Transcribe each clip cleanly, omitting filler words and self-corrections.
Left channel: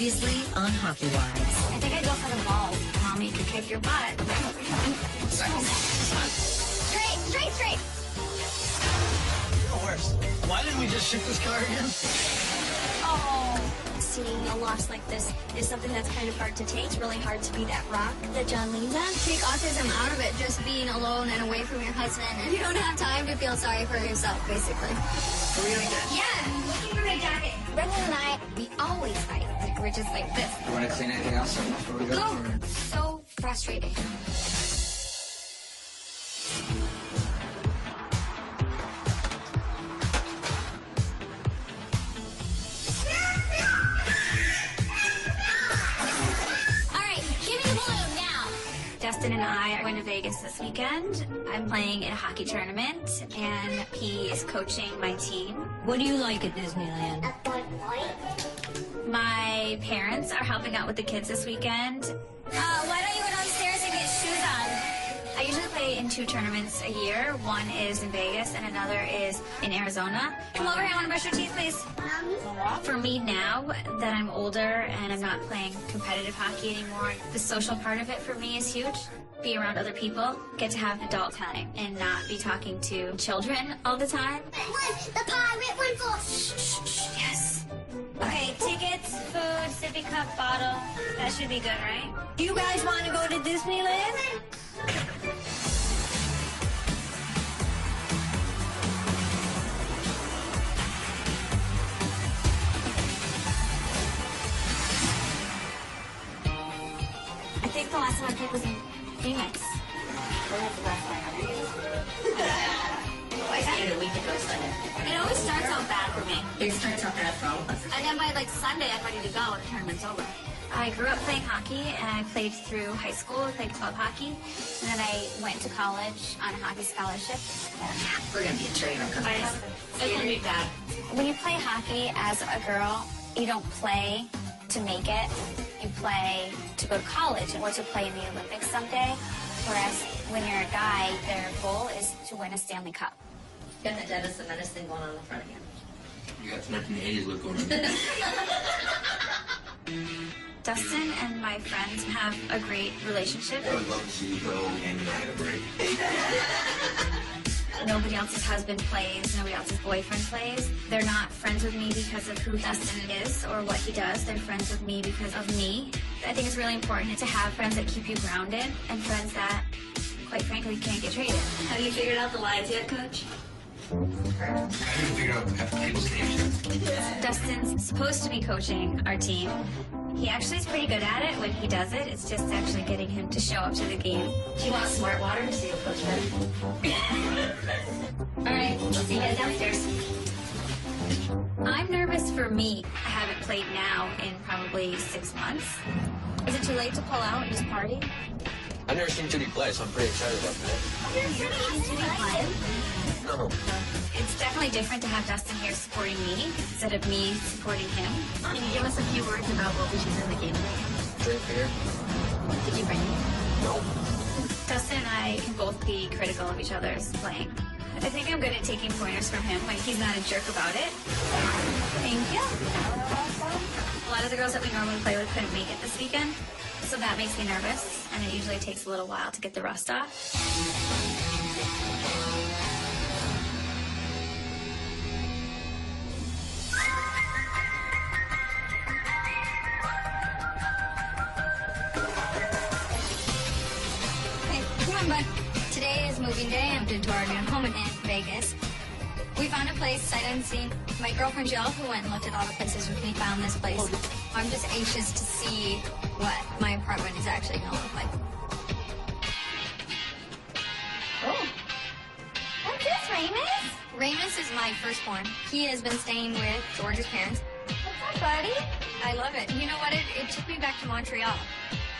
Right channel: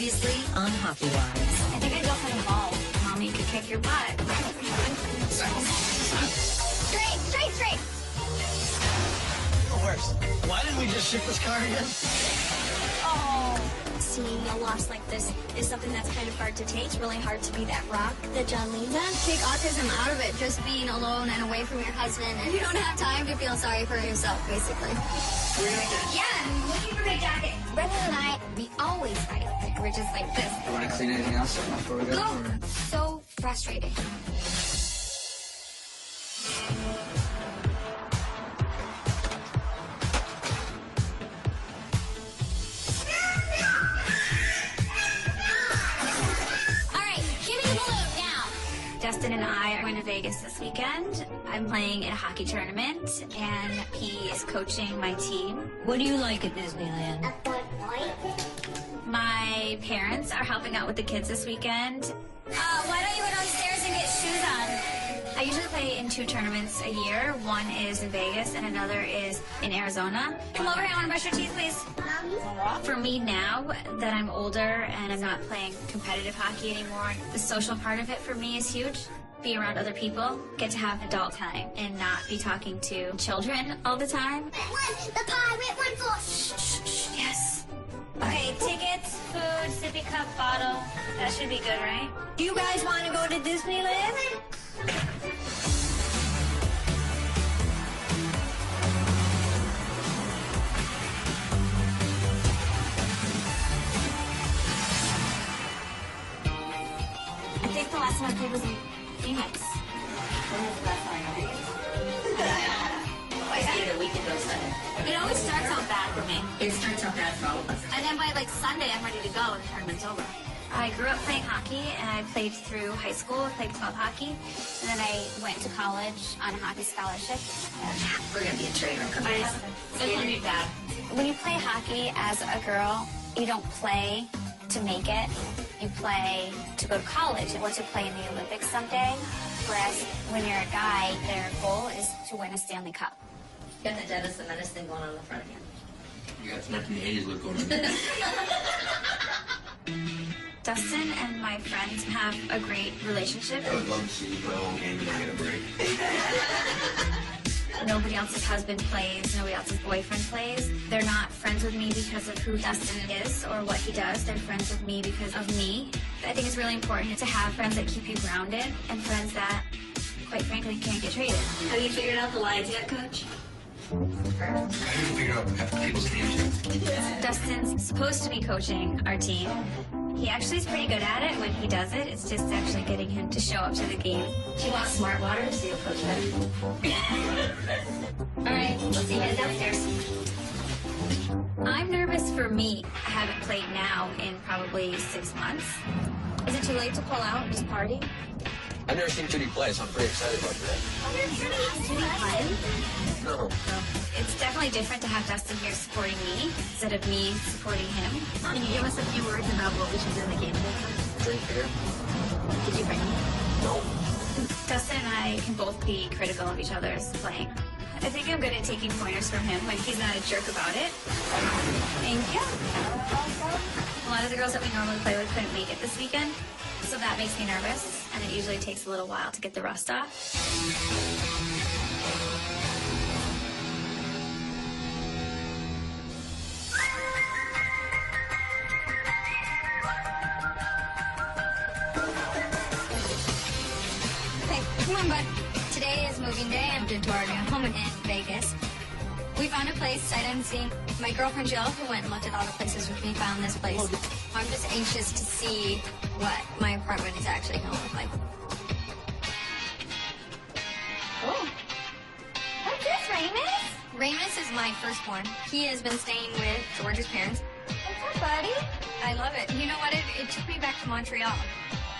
Previously on Hockey Wives. I think I'd go for the ball. Mommy could kick your butt. Straight. The worst. Why didn't we just ship this car again? Oh. Seeing a loss like this is something that's kind of hard to take. It's really hard to be that rock that John leans on. Take autism out of it, just being alone and away from your husband. And you don't have time to feel sorry for yourself, basically. Are we like that? Yeah, I'm looking for my jacket. Brendan and I, we always fight. Like, we're just like this. You want to clean anything else before we go? Or... So frustrating. Dustin and I are going to Vegas this weekend. I'm playing in a hockey tournament, and he is coaching my team. What do you like at Disneyland? A Bud Light. My parents are helping out with the kids this weekend. Why don't you go downstairs and get shoes on? I usually play in 2 tournaments a year. One is in Vegas, and another is in Arizona. Come over here, I want to brush your teeth, please. For me now that I'm older and I'm not playing competitive hockey anymore, the social part of it for me is huge. Be around other people, get to have adult time, and not be talking to children all the time. The pirate went for. Shh, yes. Okay, tickets, food, sippy cup, bottle. That should be good, right? Do you guys want to go to Disneyland? I think the last time I played was in Phoenix. I started a week ago Sunday. It always starts out bad for me. It starts off bad for all of us. And then by like Sunday, I'm ready to go and the tournament's over. I grew up playing hockey and I played through high school. I played club hockey. And then I went to college on a hockey scholarship. We're going to be a trainer. When you play hockey as a girl, you don't play to make it. You play to go to college or to play in the Olympics someday. Whereas when you're a guy, their goal is to win a Stanley Cup. Got the Dennis the Menace thing going on in the front again. You got some 1980s look going on. Dustin and my friends have a great relationship. I would love to see you go and get a break. Nobody else's husband plays, nobody else's boyfriend plays. They're not friends with me because of who Dustin is or what he does. They're friends with me because of me. I think it's really important to have friends that keep you grounded and friends that, quite frankly, can't get traded. Have you figured out the lines yet, Coach? I haven't figured out half the people's names yet. Dustin's supposed to be coaching our team. He actually is pretty good at it when he does it. It's just actually getting him to show up to the game. Do you want smart water to see you coach better? All right, let's see you guys downstairs. I'm nervous for me. I haven't played now in probably 6 months. Is it too late to pull out and just party? I've never seen Judy play, so I'm pretty excited about that. No. It's definitely different to have Dustin here supporting me instead of me supporting him. Can you give us a few words about what we should do at the game today? Drink beer? Did you bring me? No. Dustin and I can both be critical of each other's playing. I think I'm good at taking pointers from him when he's not a jerk about it. Thank you. A lot of the girls that we normally play with couldn't make it this weekend, so that makes me nervous, and it usually takes a little while to get the rust off. Today is moving day. I'm into our new home in Vegas. We found a place sight unseen. My girlfriend Jill, who went and looked at all the places with me, found this place. I'm just anxious to see what my apartment is actually going to look like. Oh. What's this, Ramus? Ramus is my firstborn. He has been staying with George's parents. What's up, buddy? I love it. You know what? It took me back to Montreal.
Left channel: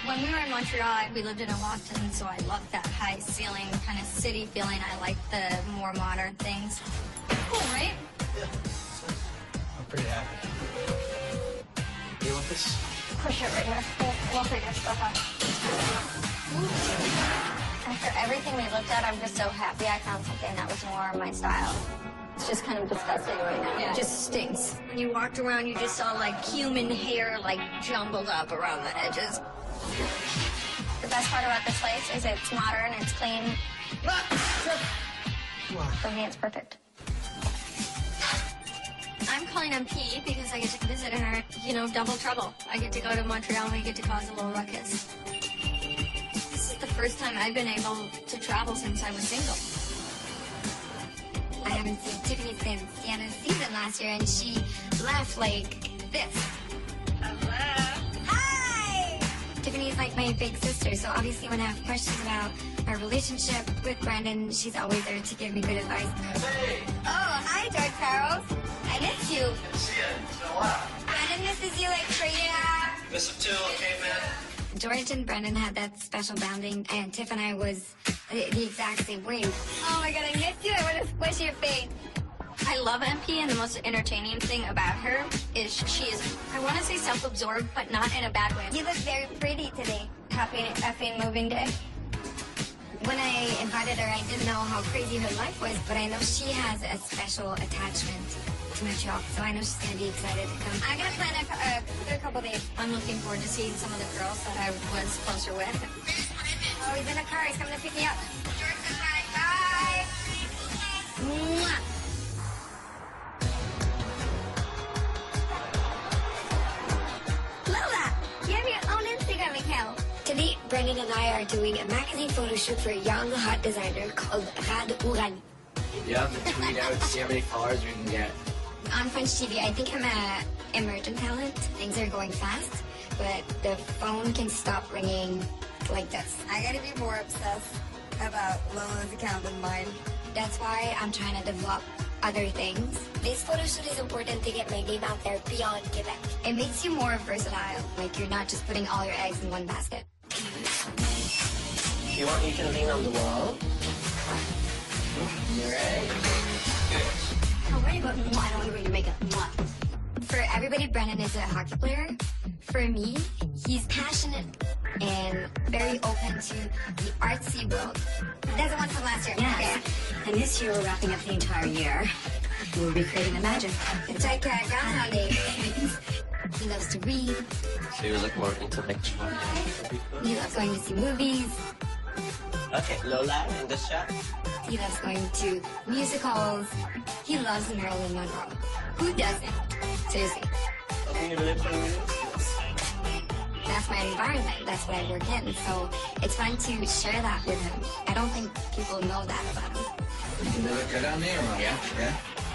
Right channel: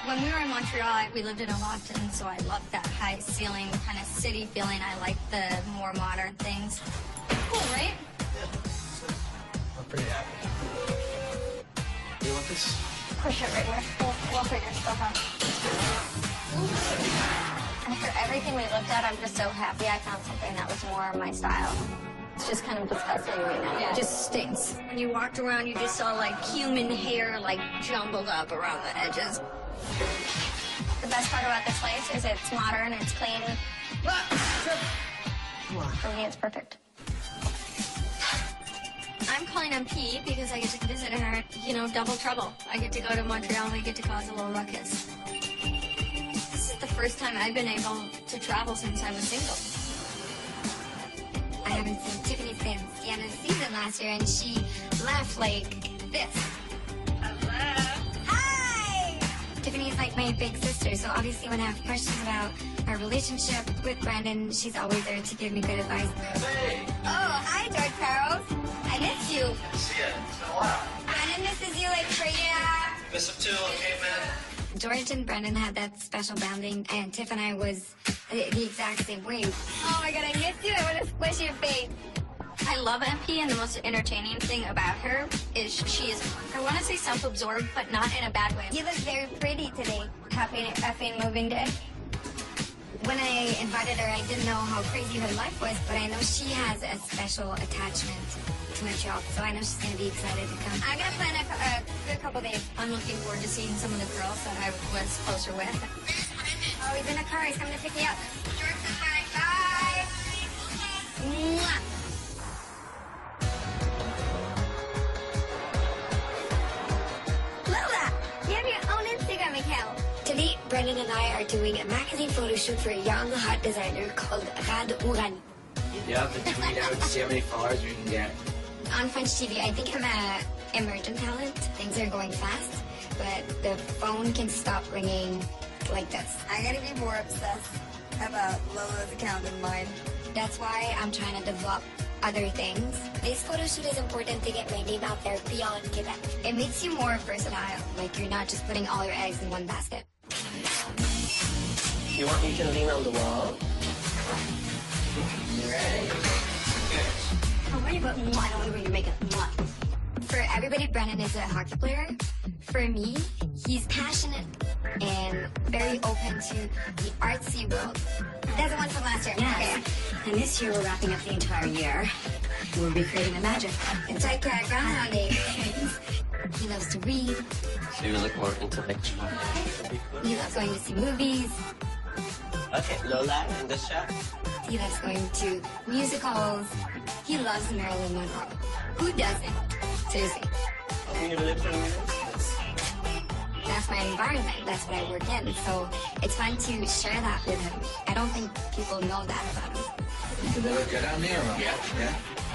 When we were in Montreal, we lived in a loft, and so I loved that high ceiling kind of city feeling. I like the more modern things. Cool, right? I'm pretty happy. You want this? Push it right here. We'll figure stuff out. After everything we looked at, I'm just so happy I found something that was more my style. It's just kind of disgusting right now. Yeah. It just stinks. When you walked around, you just saw like human hair like jumbled up around the edges. The best part about this place is it's modern, it's clean. For me, it's perfect. I'm calling MP because I get to visit her, you know, double trouble. I get to go to Montreal and I get to cause a little ruckus. This is the first time I've been able to travel since I was single. I haven't seen Tiffany since the end of the season last year, and she left like this. Hi! Tiffany's like my big sister, so obviously when I have questions about our relationship with Brandon, she's always there to give me good advice. Hey! Oh, hi, George Carroll. I miss you. See ya. It's been a while. Brandon misses you like crazy. Miss him too, okay, man? George and Brandon had that special bonding, and Tiff and I was the exact same way. Oh my god, I miss you. I want to squish your face. I love MP, and the most entertaining thing about her is she's, I want to say self-absorbed, but not in a bad way. You look very pretty today. Happy moving day. When I invited her, I didn't know how crazy her life was, but I know she has a special attachment to Montreal, so I know she's going to be excited to come. I got planned a couple days. I'm looking forward to seeing some of the girls that I was closer with. Oh, he's in the car. He's coming to pick me up. George says hi. Bye. Mwah. Lola, you have your own Instagram account. Today, Brendan and I are doing a magazine photo shoot for a young, hot designer called Rad Urad. You have to tweet out, see how many followers we can get. On French TV, I think I'm an emergent talent. Things are going fast, but the phone can stop ringing like this. I gotta be more obsessed about Lola's account than mine. That's why I'm trying to develop other things. This photo shoot is important to get my name out there beyond Quebec. It makes you more versatile, like you're not just putting all your eggs in one basket. You want you can lean on the wall? Right. Don't worry about I don't know where you make it. For everybody, Brennan is a hockey player. For me, he's passionate and very open to the artsy world. That's the one from last year. Yes. And this year we're wrapping up the entire year. We'll be creating the magic. Inside Cry Groundhog Day. He loves to read. So you're like more intellectual. He loves going to see movies. Okay, Lola in the shot. He loves going to musicals. He loves Marilyn Monroe. Who doesn't? Seriously. Can you live in That's my environment. That's what I work in. So it's fun to share that with him. I don't think people know that about him. You better get down there. Yeah.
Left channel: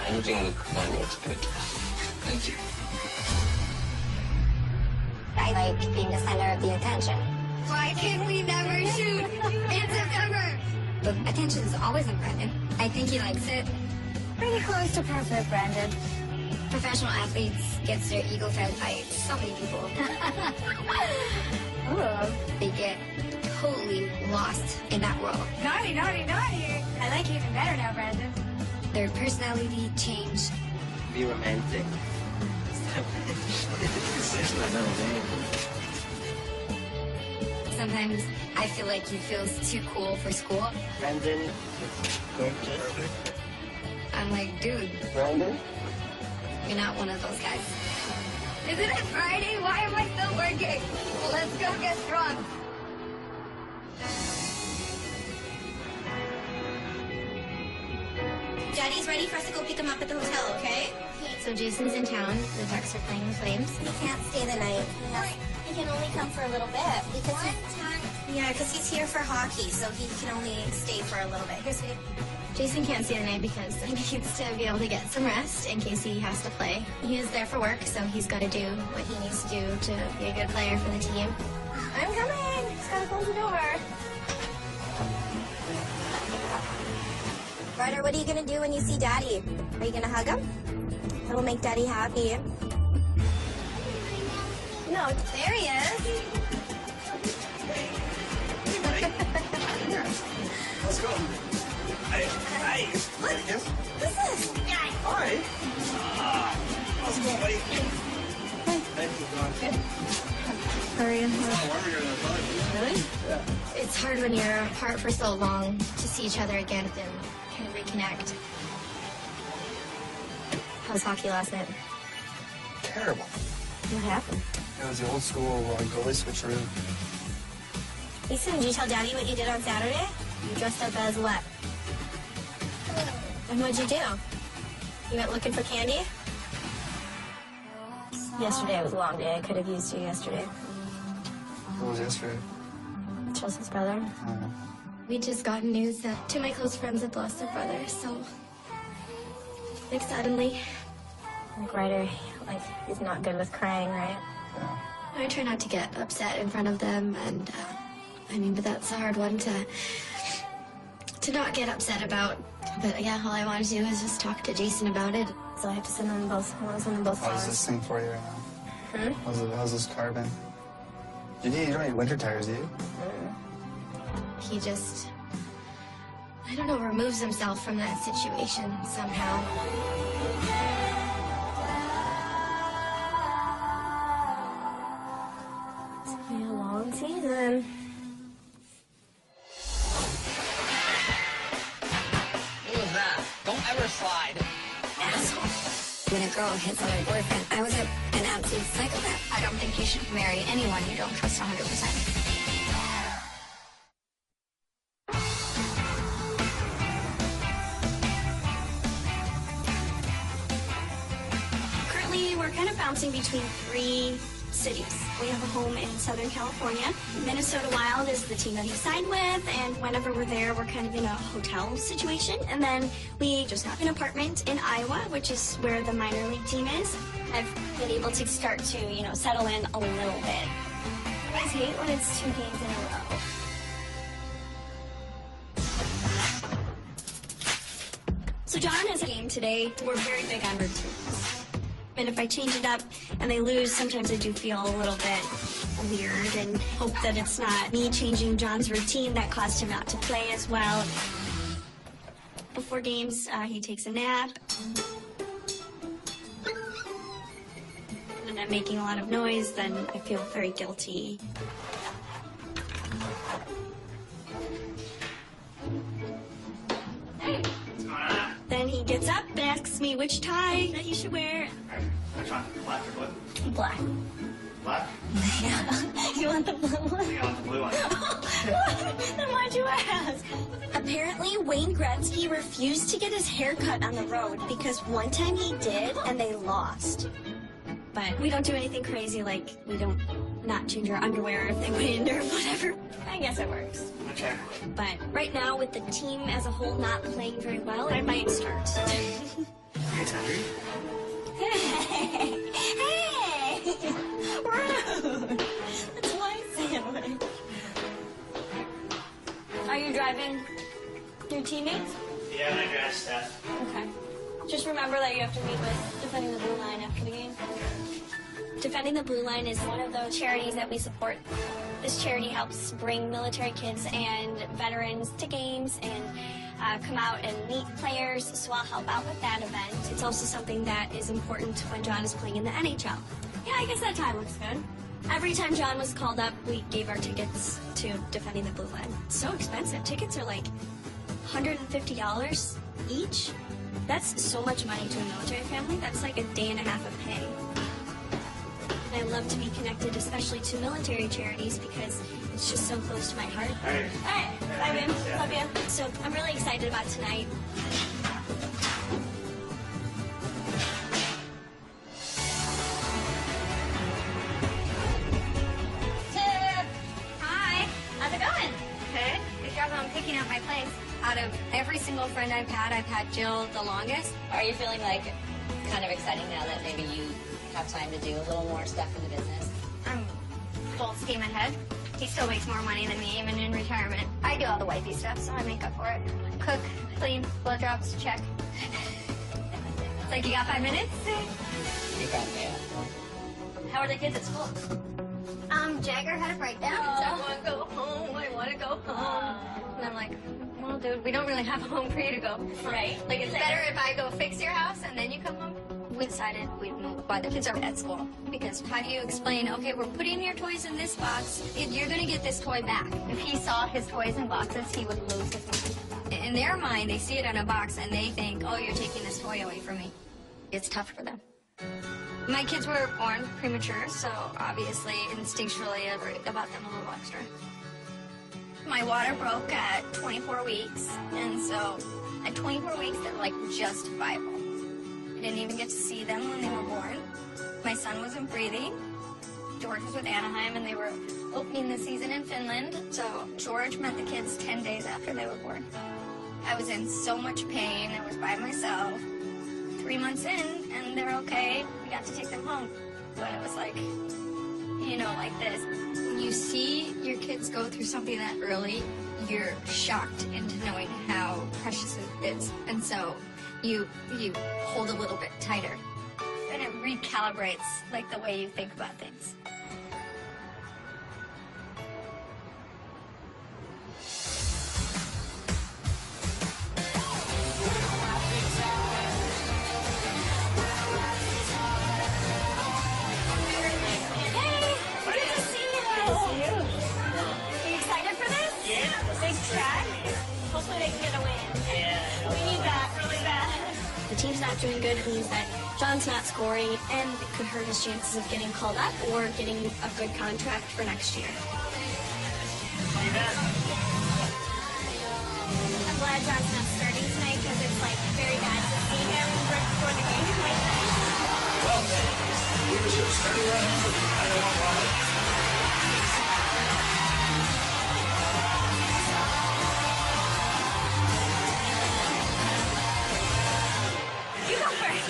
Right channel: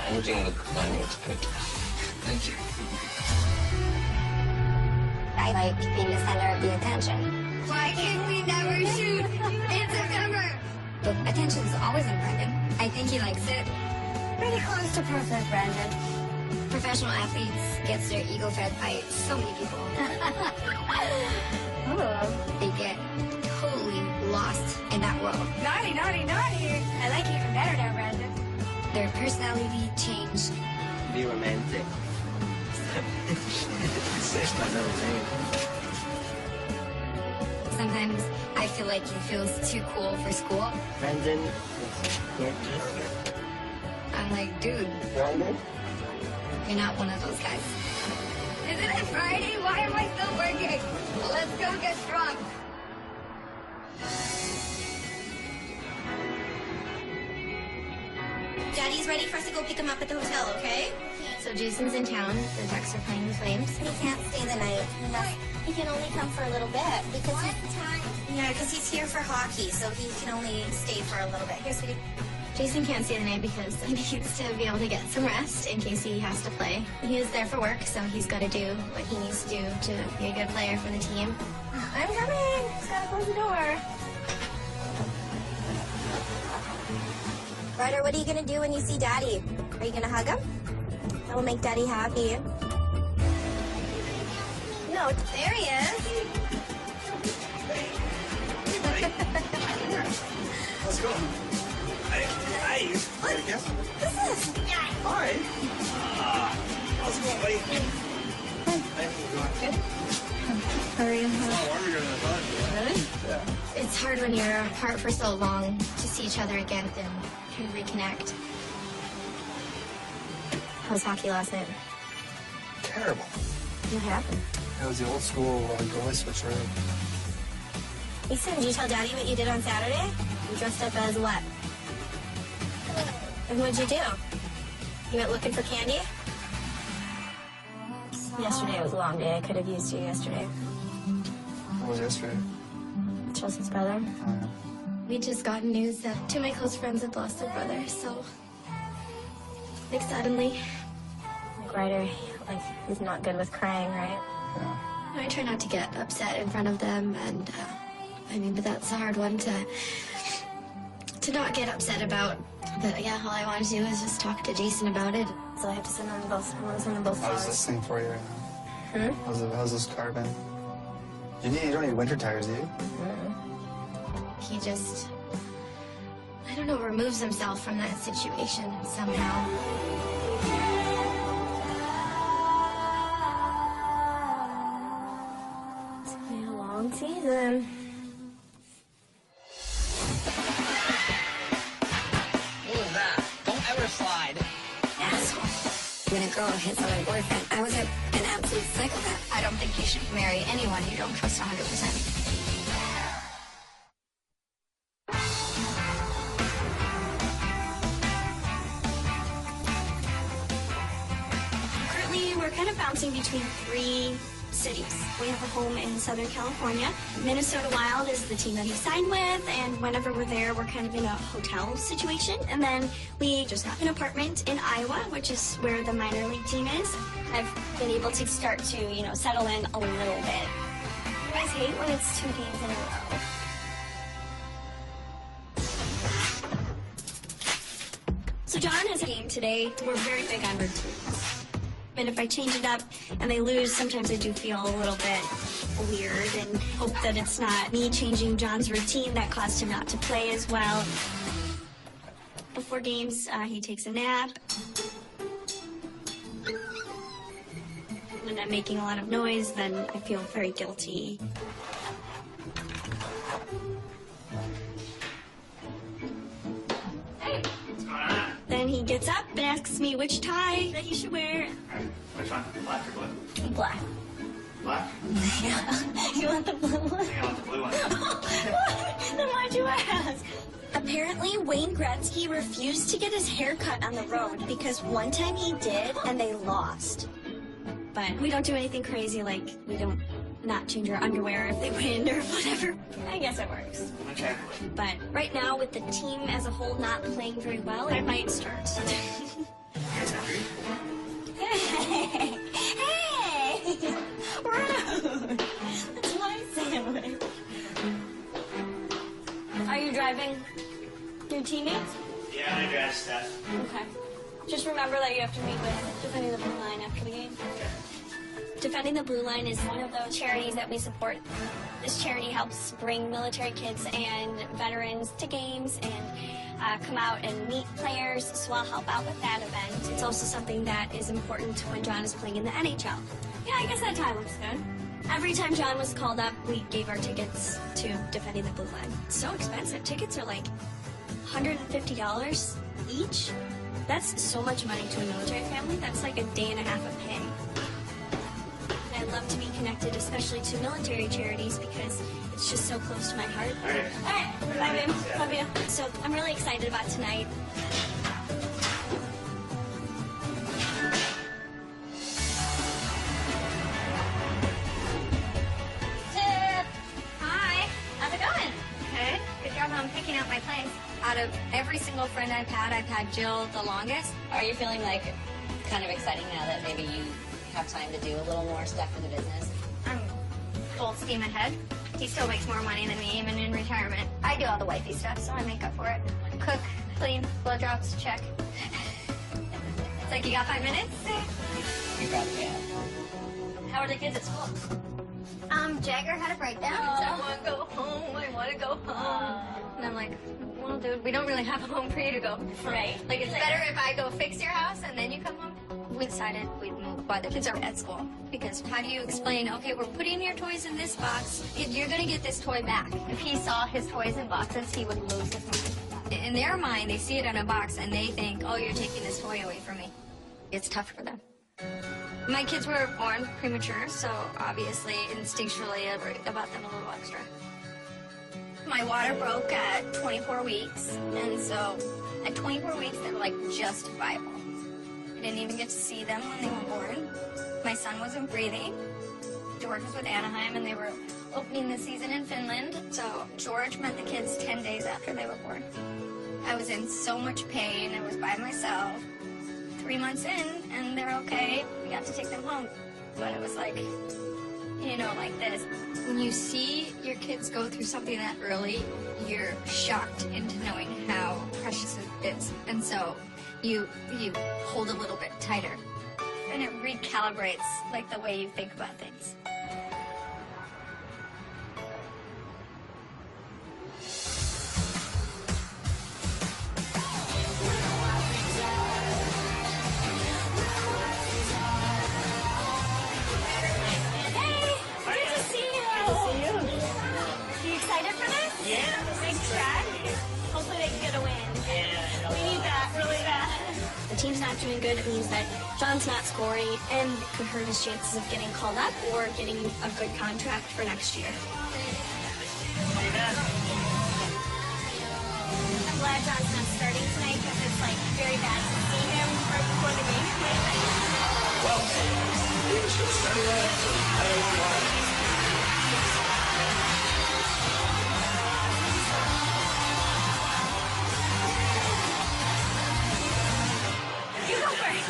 Anything look funny, it's good. Thank you. I like being the center of the attention. Why can't we never shoot in September? But attention is always on Brandon. I think he likes it. Pretty close to perfect, Brandon. Professional athletes gets their ego fed by so many people. They get totally lost in that world. Naughty, naughty, naughty. I like you even better now, Brandon. Their personality change. Be romantic. Sometimes I feel like he feels too cool for school. Brandon, I'm like, dude, Brandon? you're not one of those guys. Isn't it Friday? Why am I still working? Well, let's go get drunk. Daddy's ready for us to go pick him up at the hotel, okay? So Jason's in town. The Ducks are playing the Flames. He can't stay the night. He can only come for a little bit because he's here for hockey, so he can only stay for a little bit. Here, sweetie. Jason can't stay the night because he needs to be able to get some rest in case he has to play. He is there for work, so he's got to do what he needs to do to be a good player for the team. I'm coming. Just gotta close the door. Ryder, what are you gonna do when you see Daddy? Are you gonna hug him? It'll make Daddy happy. No, there he is. Let's go. Hey, look, this is Hi. How's it going, buddy? How are you? It's hard when you're apart for so long to see each other again and kind of reconnect. was hockey last night? Terrible. What happened? It was the old school goalie switcheroo. Ethan, did you tell Daddy what you did on Saturday? You dressed up as what? And what'd you do? You went looking for candy? Yesterday was a long day. I could have used you yesterday. What was yesterday? Chelsea's brother. We just got news that two of my close friends had lost their brother, so... like, suddenly. Like Ryder, like, he's not good with crying, right? Yeah. I try not to get upset in front of them, and, but that's a hard one to not get upset about. But, yeah, all I want to do is just talk to Jason about it. So I have to send them both. I want to send them both I was flowers. listening for you. How's this car been? You don't need winter tires, do you? He just, I don't know, removes himself from that situation somehow. It's gonna be a long season. What was that? Don't ever slide. When a girl hits on her boyfriend, I was an absolute psychopath. I don't think you should marry anyone you don't trust 100%. Currently, we're kind of bouncing between 3 cities. We have a home in Southern California. Minnesota Wild is the team that he signed with, and whenever we're there, we're kind of in a hotel situation. And then we just got an apartment in Iowa, which is where the minor league team is. I've been able to start to, settle in a little bit. I always hate when it's 2 games in a row. So John has a game today. We're very big on routines. And if I change it up and they lose, sometimes I do feel a little bit weird and hope that it's not me changing John's routine that caused him not to play as well. Before games, he takes a nap. And I'm making a lot of noise, then I feel very guilty. Then he gets up and asks me which tie that he should wear. Which one? Black or blue? Black. Black? Yeah. You want the blue one? You want the blue one? Then why'd you ask? Apparently, Wayne Gretzky refused to get his hair cut on the road because one time he did and they lost. But we don't do anything crazy, like we don't not change our underwear if they win or whatever. I guess it works. Okay. But right now, with the team as a whole not playing very well, I might start. It's hungry? Hey! Hey! Rude! That's my sandwich. Are you driving your teammates? Yeah, I drive stuff. Okay. Just remember that you have to meet with Defending the Blue Line after the game. Defending the Blue Line is one of those charities that we support. This charity helps bring military kids and veterans to games and come out and meet players, so I'll help out with that event. It's also something that is important when John is playing in the NHL. Yeah, I guess that tie looks good. Every time John was called up, we gave our tickets to Defending the Blue Line. It's so expensive. Tickets are like $150 each. That's so much money to a military family. That's like a day and a half of pay. I love to be connected, especially to military charities, because it's just so close to my heart. Okay. Hey, bye, babe. Love you. So I'm really excited about tonight. Tip! Hi. How's it going? Good. Good job on picking out my place. Out of every single friend I've had Jill the longest. Are you feeling like kind of exciting now that maybe you have time to do a little more stuff in the business? I'm full steam ahead. He still makes more money than me, even in retirement. I do all the wifey stuff, so I make up for it. Cook, clean, blowjobs, check. It's like, you got 5 minutes? You got me. How are the kids at school? Jagger had a breakdown. I want to go home. I want to go home. And I'm like, well, dude, we don't really have a home for you to go. Right. Like, it's better if I go fix your house and then you come home. We decided we'd move while the kids are at school. Because how do you explain, okay, we're putting your toys in this box, and you're going to get this toy back. If he saw his toys in boxes, he would lose his mind. In their mind, they see it in a box, and they think, oh, you're taking this toy away from me. it's tough for them. My kids were born premature, so obviously instinctually I worry about them a little extra. My water broke at 24 weeks, and so at 24 weeks they were like justifiable. I didn't even get to see them when they were born. My son wasn't breathing. George was with Anaheim, and they were opening the season in Finland, so George met the kids 10 days after they were born. I was in so much pain. I was by myself. 3 months in, and they're okay. We got to take them home. But it was like, you know, like this. When you see your kids go through something that early, you're shocked into knowing how precious it is. And so you hold a little bit tighter. And it recalibrates, like, the way you think about things. Team's not doing good, it means that John's not scoring and it could hurt his chances of getting called up or getting a good contract for next year. I'm glad John's not starting tonight because it's like very bad to see him right before the game. You go first.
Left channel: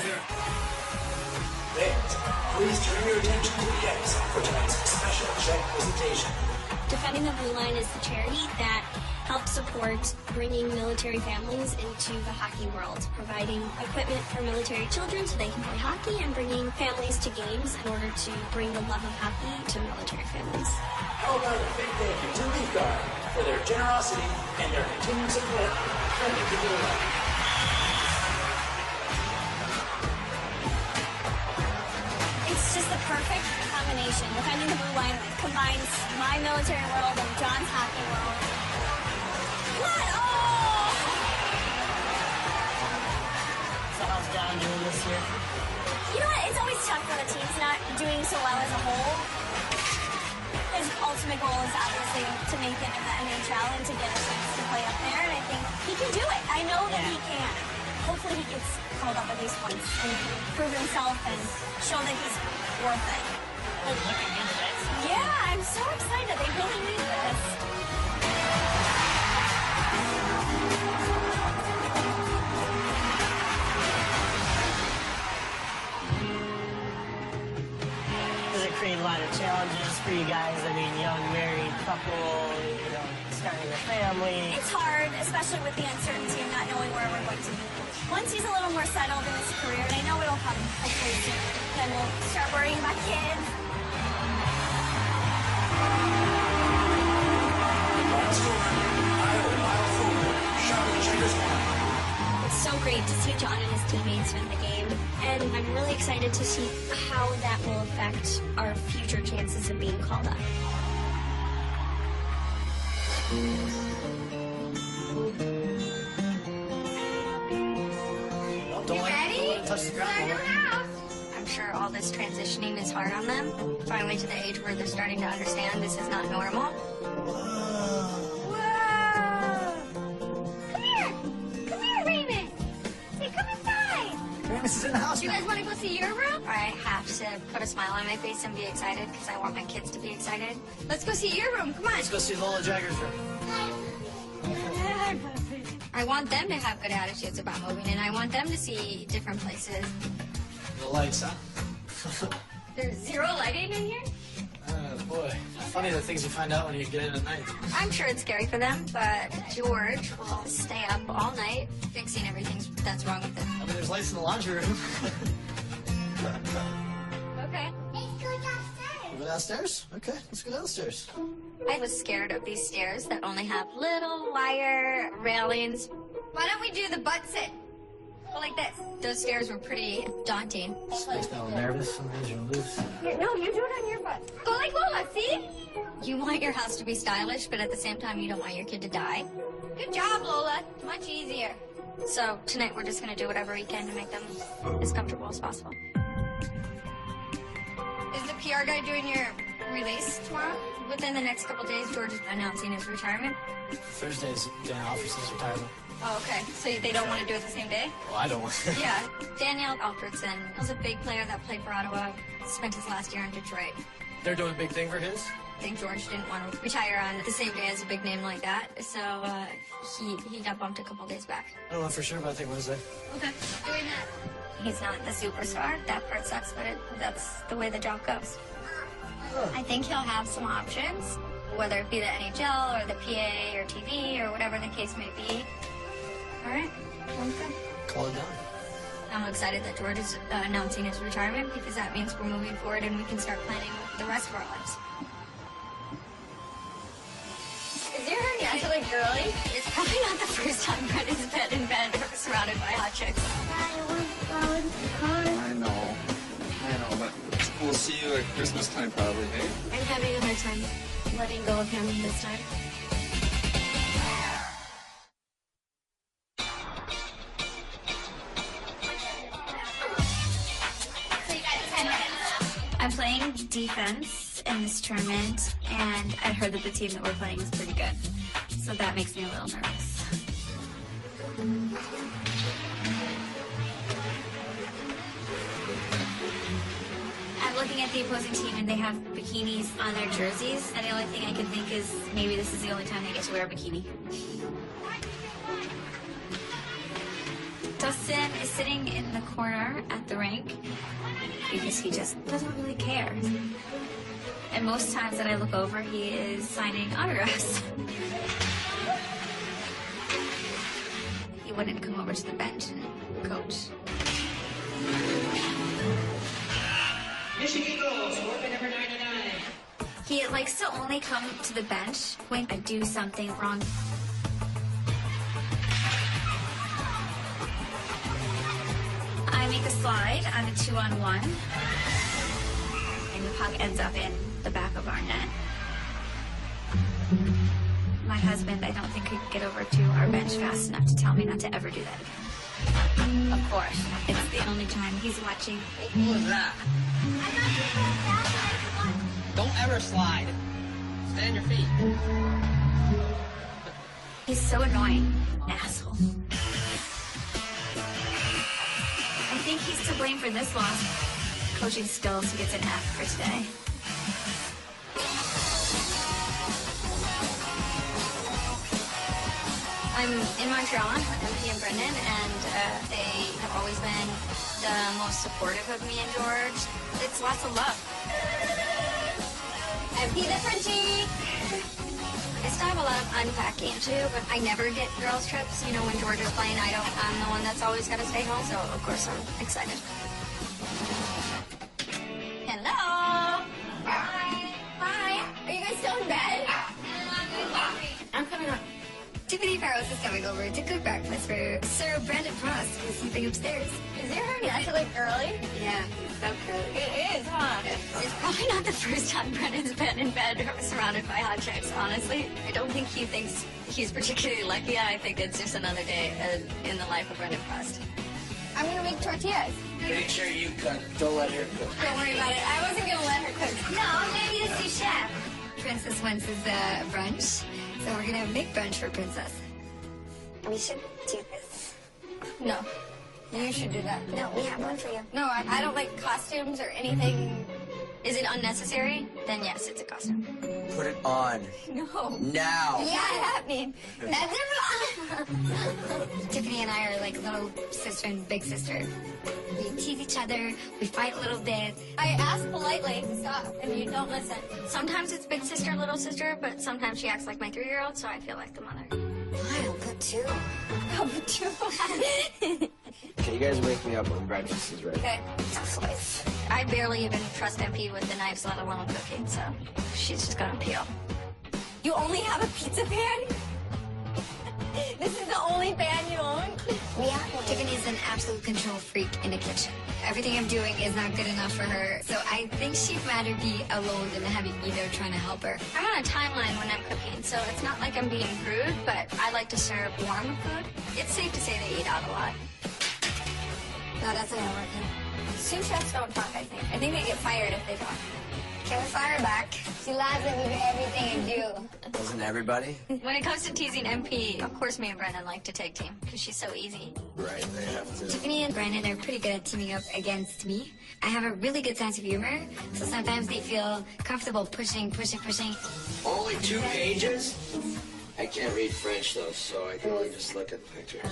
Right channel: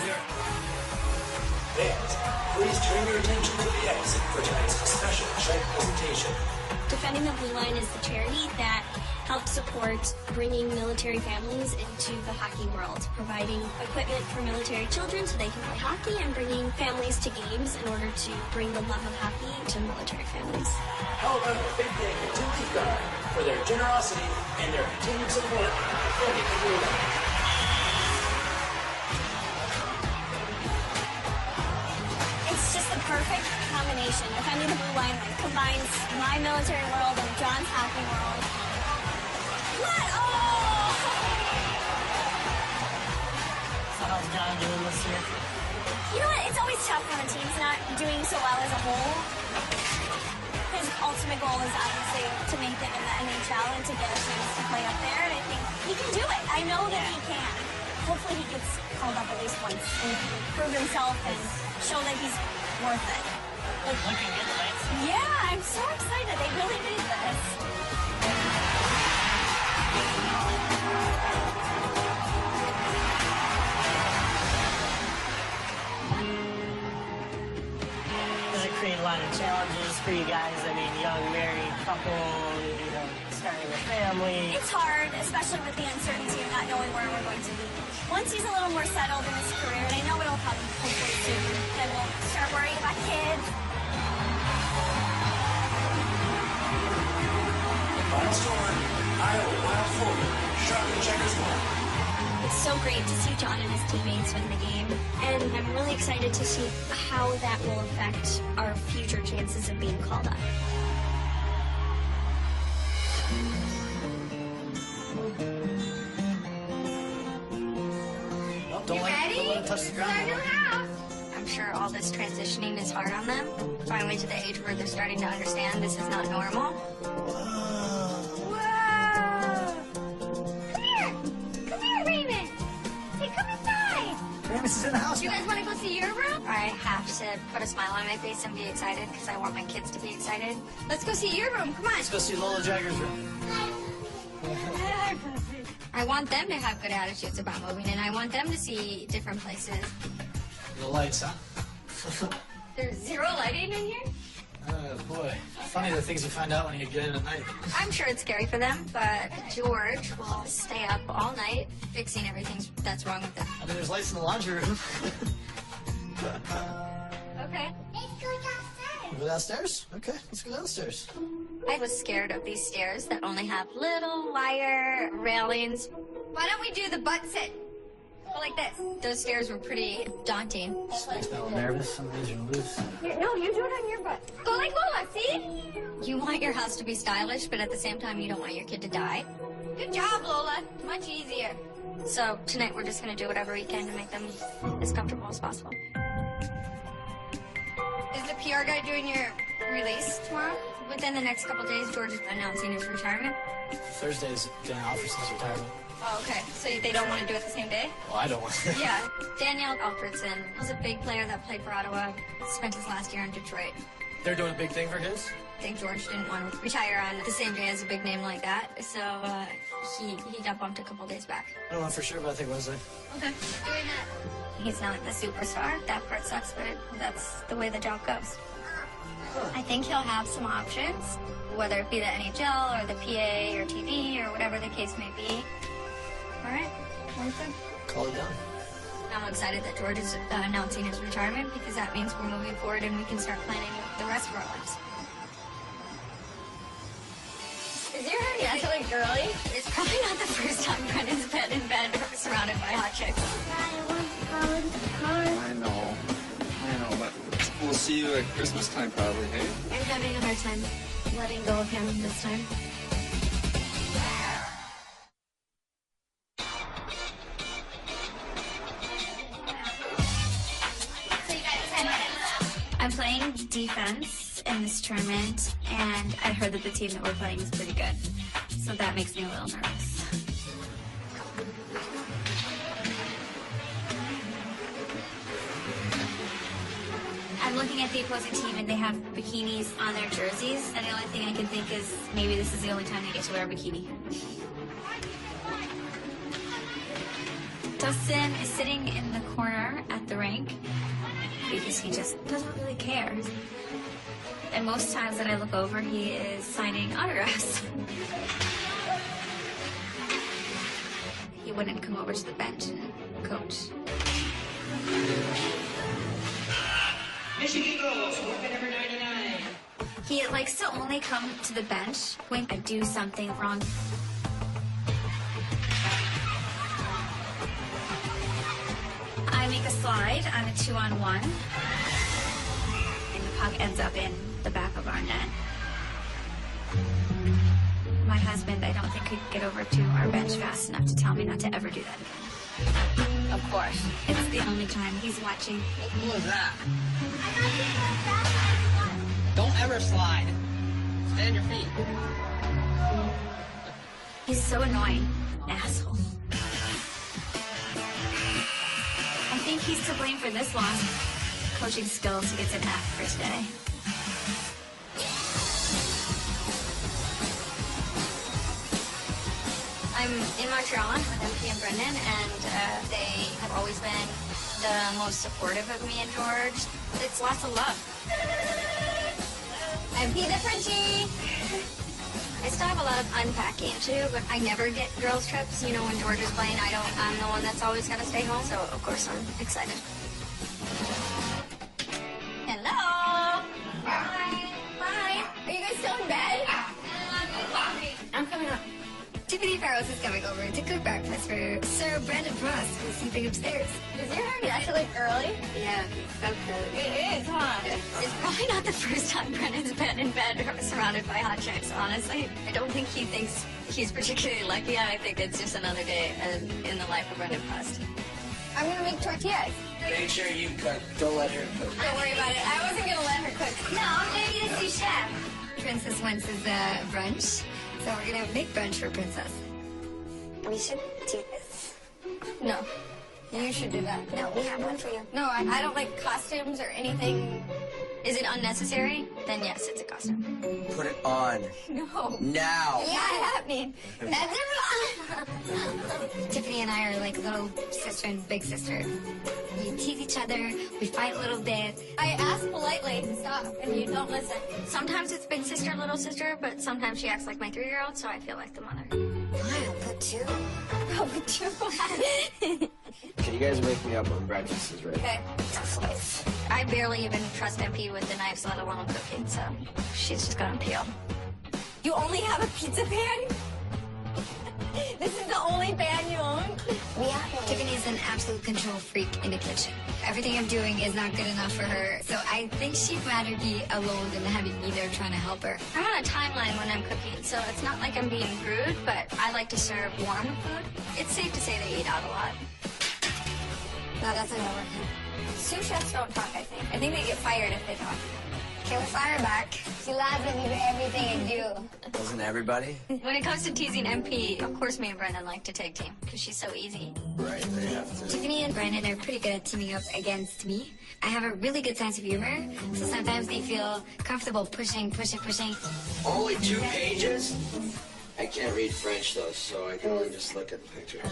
Fans, please turn your attention to the exit for tonight's special check presentation. Defending the Blue Line is the charity that helps support bringing military families into the hockey world, providing equipment for military children so they can play hockey, and bringing families to games in order to bring the love of hockey to military families. How about a big thank you to Leaf Guard for their generosity and their continued support for the Blue Line. It's just the perfect combination. Defending the Blue Line combines my military world and John's hockey world. What? Oh! So how's John doing this year? You know what? It's always tough when the team's not doing so well as a whole. His ultimate goal is obviously to make it in the NHL and to get a chance to play up there, and I think he can do it. I know that he can. Hopefully he gets called up at least once and can prove himself and show that he's worth it. Looking good tonight. Yeah, I'm so excited. They really need this. Does it create a lot of challenges for you guys? I mean, young married couple, you know, starting a family. It's hard, especially with the uncertainty of not knowing where we're going to be. Once he's a little more settled in his career, and I know it'll come hopefully soon, then we'll start worrying about kids. It's so great to see John and his teammates win the game, and I'm really excited to see how that will affect our future chances of being called up. Don't let it touch the ground. I'm sure all this transitioning is hard on them. Finally to the age where they're starting to understand this is not normal. Whoa! Come here, Raymond! Hey, come inside! Ramus is in the house. Do you guys want to go see your room? I have to put a smile on my face and be excited because I want my kids to be excited. Let's go see your room. Come on. Let's go see Lola Jagger's room. I want them to have good attitudes about moving, and I want them to see different places. The lights, huh? There's zero lighting in here? Oh, boy. Funny the things you find out when you get in at night. I'm sure it's scary for them, but George will stay up all night fixing everything that's wrong with them. I mean, there's lights in the laundry room. Okay. Let's go downstairs. Go downstairs? Okay, let's go downstairs. I was scared of these stairs that only have little wire railings. Why don't we do the butt sit? Like this. Those stairs were pretty daunting. Makes me a little nervous. I'm losing loose. No, you do it on your butt. Go like Lola, see? You want your house to be stylish, but at the same time, you don't want your kid to die. Good job, Lola. Much easier. So tonight we're just gonna do whatever we can to make them as comfortable as possible. Is the PR guy doing your release tomorrow? Within the next couple days, George is announcing his retirement. Thursday's day off for his retirement. Oh, okay. So they don't want to do it the same day? Well, I don't want to. Yeah. Danielle Alfredson was a big player that played for Ottawa, spent his last year in Detroit. They're doing a big thing for his? I think George didn't want to retire on the same day as a big name like that, so he got bumped a couple days back. I don't know for sure, but I think Wednesday. Okay. Doing that. He's not the superstar. That part sucks, but that's the way the job goes. I think he'll have some options, whether it be the NHL or the PA or TV or whatever the case may be. All right. Call it down. I'm excited that George is announcing his retirement because that means we're moving forward and we can start planning the rest of our lives. Is your hair naturally girly? It's probably not the first time Brendan's been in bed surrounded by hot chicks. I know, but we'll see you at Christmas time probably, hey? I'm having a hard time letting go of him this time. I'm playing defense in this tournament, and I heard that the team that we're playing is pretty good. So that makes me a little nervous. I'm looking at the opposing team, and they have bikinis on their jerseys, and the only thing I can think is maybe this is the only time they get to wear a bikini. Dustin is sitting in the corner at the rink because he just doesn't really care. And most times that I look over, he is signing autographs. He wouldn't come over to the bench and coach. Michigan Eagles, working number 99. He likes to only come to the bench when I do something wrong. I make a slide on a 2-on-1, and the puck ends up in the back of our net. My husband, I don't think, could get over to our bench fast enough to tell me not to ever do that again. Of course, it's the only time he's watching. What was that? Don't ever slide. Stay on your feet. He's so annoying, asshole. I think he's to blame for this loss. Coaching skills, he gets an F for today. I'm in Montreal with MP and Brendan, and they have always been the most supportive of me and George. It's lots of love. MP the Frenchie! I still have a lot of unpacking too, but I never get girls' trips. You know, when George is playing, I'm the one that's always got to stay home, so of course I'm excited. Hello! Hi! Hi! Are you guys still in bed? I'm coming up. Tiffany Farrows is coming over to cook breakfast for Sir Brandon Frost, who's sleeping upstairs. Is your hair naturally early? Yeah, okay. It is, huh? It's probably not the first time Brendan's been in bed surrounded by hot chicks, honestly. I don't think he thinks he's particularly lucky. I think it's just another day in the life of Brendan Frost. I'm gonna make tortillas. Make sure you cook. Don't let her cook. Don't worry about it. I wasn't gonna let her cook. No, I'm gonna be the sous chef. Princess wants his brunch. So we're gonna make brunch for Princess. We should do this. No. You should do that. No, we have one for you. No, I don't like costumes or anything. Is it unnecessary? Then yes, it's a costume. Put it on. No. Now. Yeah, happening. That's Tiffany and I are like little sister and big sister. We tease each other, we fight a little bit. I ask politely to stop, and you don't listen. Sometimes it's big sister, little sister, but sometimes she acts like my 3-year-old, so I feel like the mother. I'll put two. I'll put two. Can you guys wake me up when breakfast is ready? Okay. I barely even trust MP with the knives, let alone cooking, so she's just gonna peel. You only have a pizza pan? This is the only pan you own? Tiffany's an absolute control freak in the kitchen. Everything I'm doing is not good enough for her, so I think she'd rather be alone than having me there trying to help her. I'm on a timeline when I'm cooking, so it's not like I'm being rude, but I like to serve warm food. It's safe to say they eat out a lot. No, that's not working. Sous chefs don't talk, I think. I think they get fired if they talk. Can we fire her back? She laughs at me for everything I do. Doesn't everybody? When it comes to teasing MP, of course me and Brennan like to tag team, because she's so easy. Right, they have to. Tiffany and Brandon are pretty good at teaming up against me. I have a really good sense of humor, so sometimes they feel comfortable pushing. Only 2 pages? I can't read French though, so I can only just look at pictures.